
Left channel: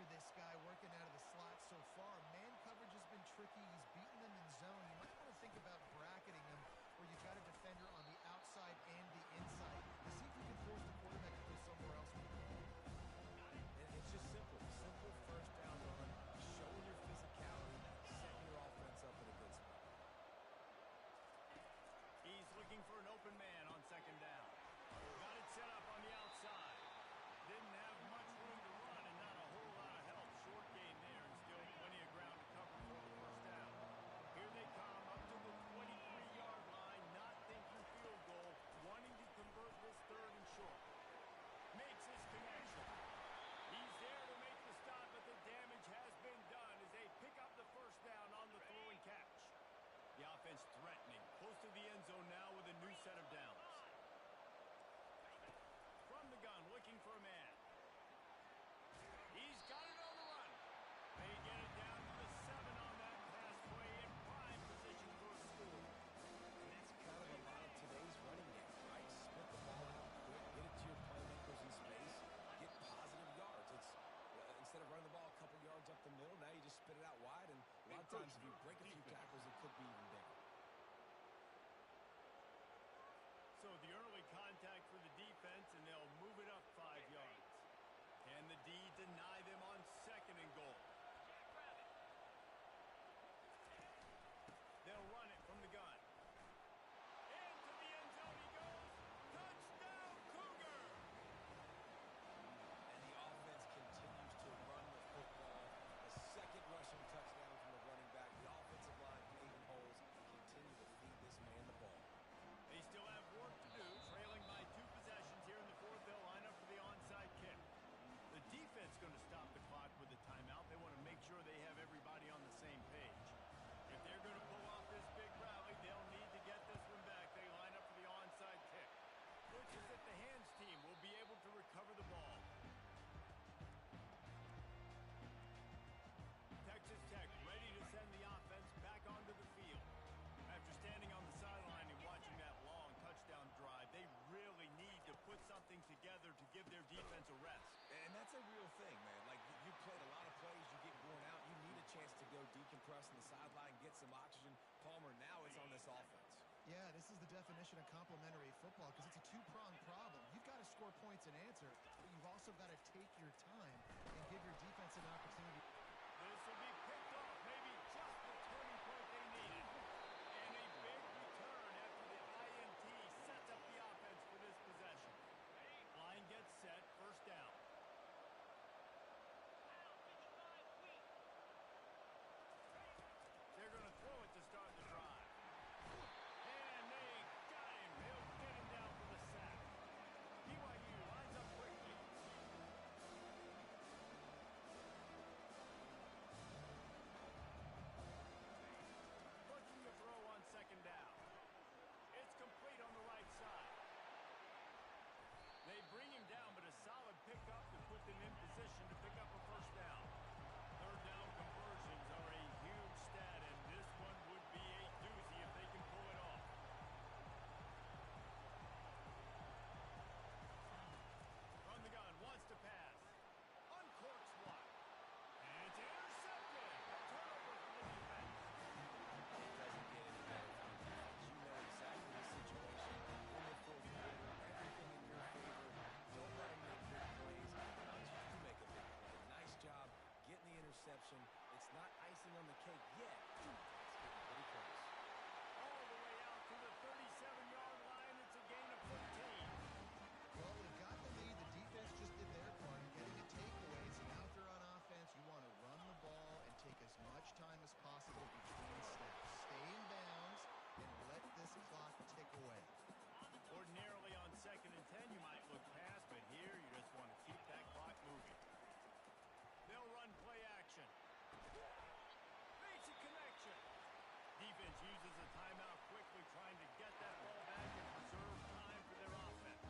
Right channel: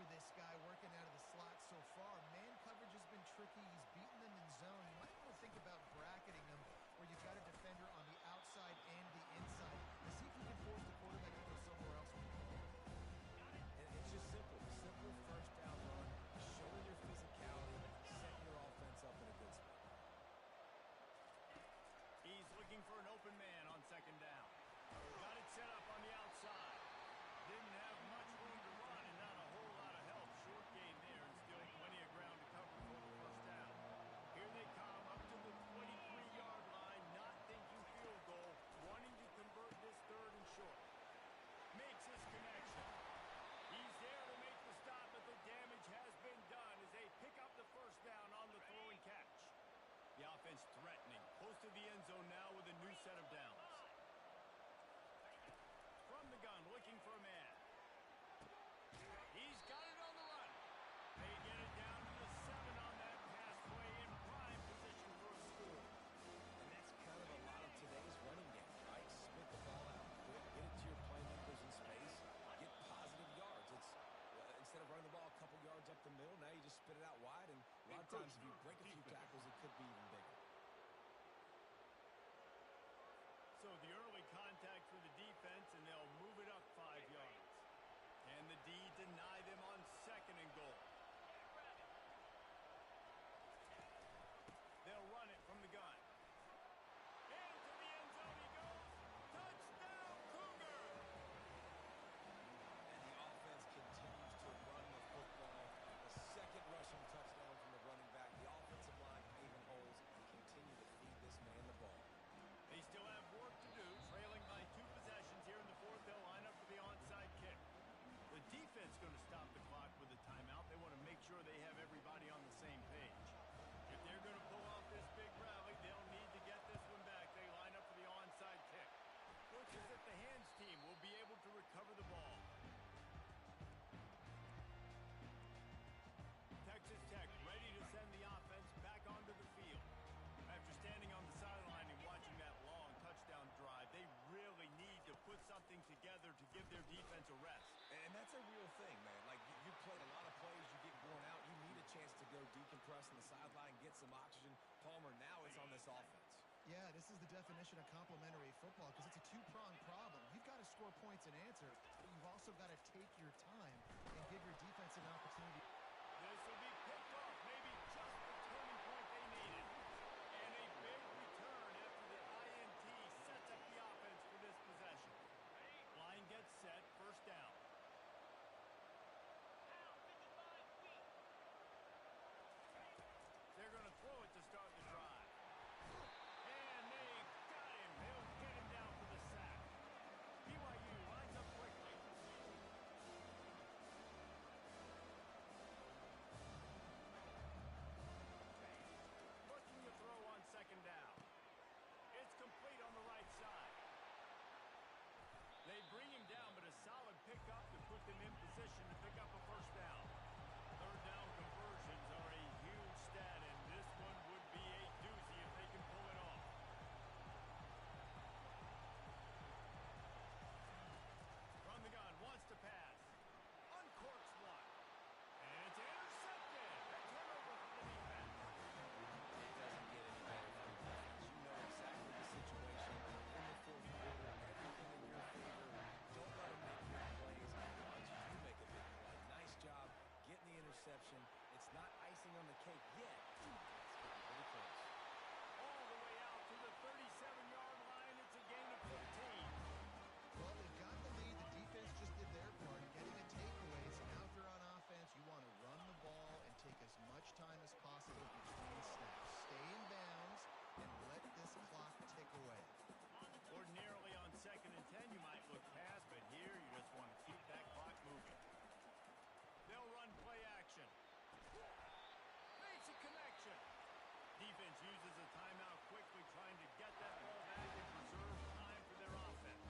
for this guy working out of the slot so far. Man coverage has been tricky. He's beaten them in zone. You might want to think about bracketing him where you've got a defender on the outside and the inside to see if you can force the quarterback to go somewhere else with the ball. And it's just simple. Simple first down run, showing your physicality, setting your offense up in a good spot. He's looking for an open man on second down. Got it set up on the outside. Didn't have much room to run and not a whole lot of help. Short gain there and still plenty of ground to cover for the first down. Here they come up to the 23-yard line, not thinking field goal, wanting to convert this third and short. Makes his connection. He's there to make the stop, but the damage has been done as they pick up the first down on the throw and catch. The offense threatening, close to the end zone now with a new set of downs. From the gun, looking for a man. He's got it on the run. They get it down to the 7 on that pass play in prime position for a score. And that's kind of a lot of today's running game, right? Spit the ball out quick, get it to your playmakers in space, get positive yards. It's instead of running the ball a couple yards up the middle, now you just spit it out wide, and a lot of times if you break a few tackles, it could be even bigger. So the early contact for the defense, and they'll move it up 5 yards. Can the D deny them on second and goal? They'll run it from the gun. Into the end zone he goes. Touchdown, Cougar! And the offense continues to run the football. The second rushing touchdown from the running back. The offensive line paving holes and continue to feed this man the ball. They still have work to do, trailing by 2 possessions here in the fourth. They'll line up for the onside kick. The defense going to stop the clock with a timeout. They want to make sure they have everybody on the same page. If they're going to pull off this big rally, they'll need to get this one back. They line up for the onside kick. Looks as if the hands team will be able to recover the ball. Texas Tech ready to send the offense back onto the field. After standing on the sideline and watching that long touchdown drive, they really need to put something together to give their defense a rest. And that's a real thing, man. Like, you played a lot of plays, you get worn out, you need a chance to go decompress on the sideline, get some oxygen. Palmer now is on this offense. Yeah, this is the definition of complementary football because it's a two-pronged problem. You've got to score points and answer, but you've also got to take your time and give your defense an opportunity. This will be picked off, maybe just the turning point they needed. And a big return after the INT sets up the offense for this possession. Line gets set, first down. They're going to throw it to start the drive. And they got him. They'll get him down for the sack. BYU lines up quickly. Looking to throw on second down. It's complete on the right side. They bring him down, but a solid pickup to put them in position to pick up a first down. Third down conversions are a huge stat, and this one would be a doozy if they can pull it off. From the gun, wants to pass. Uncorks one. And it's intercepted. A turnover for the defense. It doesn't get any better for the defense. You know exactly the situation in the fourth quarter. Everything in your favor. Don't let them make big plays until you make a big play. Nice job getting the interception. It's not icing on the cake yet. It's getting pretty close. All the way out to the 37-yard line. It's a gain of 15. Well, they've got the lead. The defense just did their part, getting a takeaway. So now if you're on offense, you want to run the ball and take as much time as possible between snaps. Stay in bounds and let this clock tick away. Ordinarily on second and 10, you might look past, but here you just want to keep that clock moving. They'll run play action. Makes a connection. Defense uses a timeout quickly, trying to get that ball back and preserve time for their offense.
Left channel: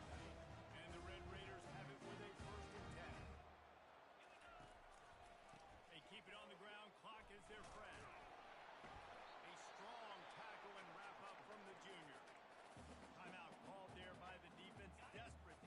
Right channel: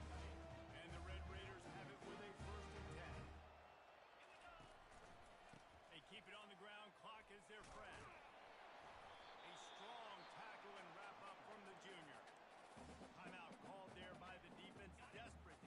And the Red Raiders have it with a first and 10. They keep it on the ground. Clock is their friend. A strong tackle and wrap up from the junior. Timeout called there by the defense. Desperate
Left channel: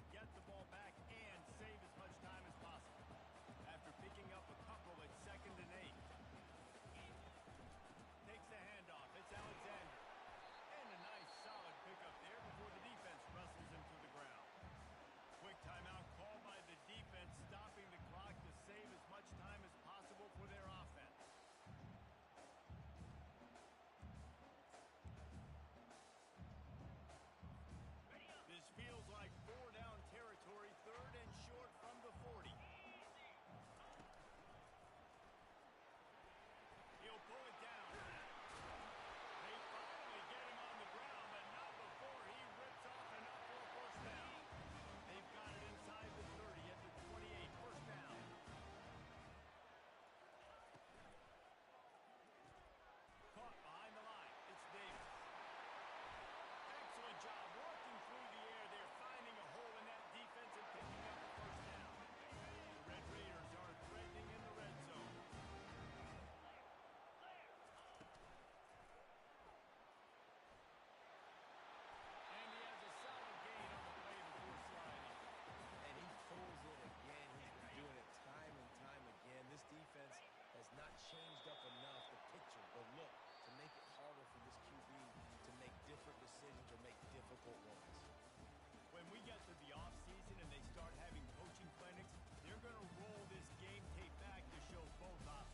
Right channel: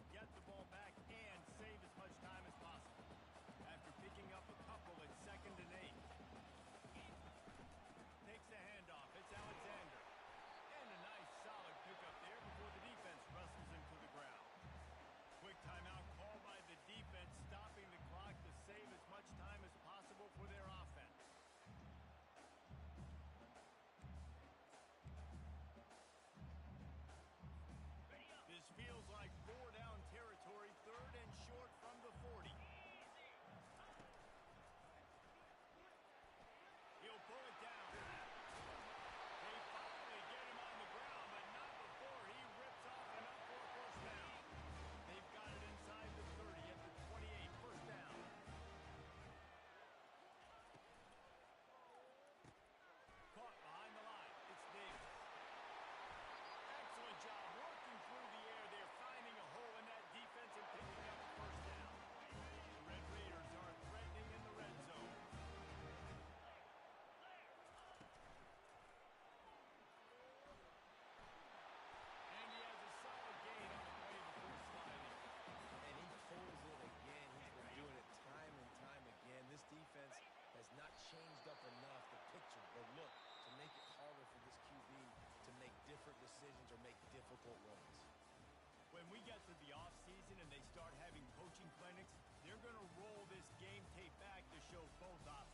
different decisions or make difficult ones. When we get to the offseason and they start having coaching clinics, they're going to roll this game tape back to show both options.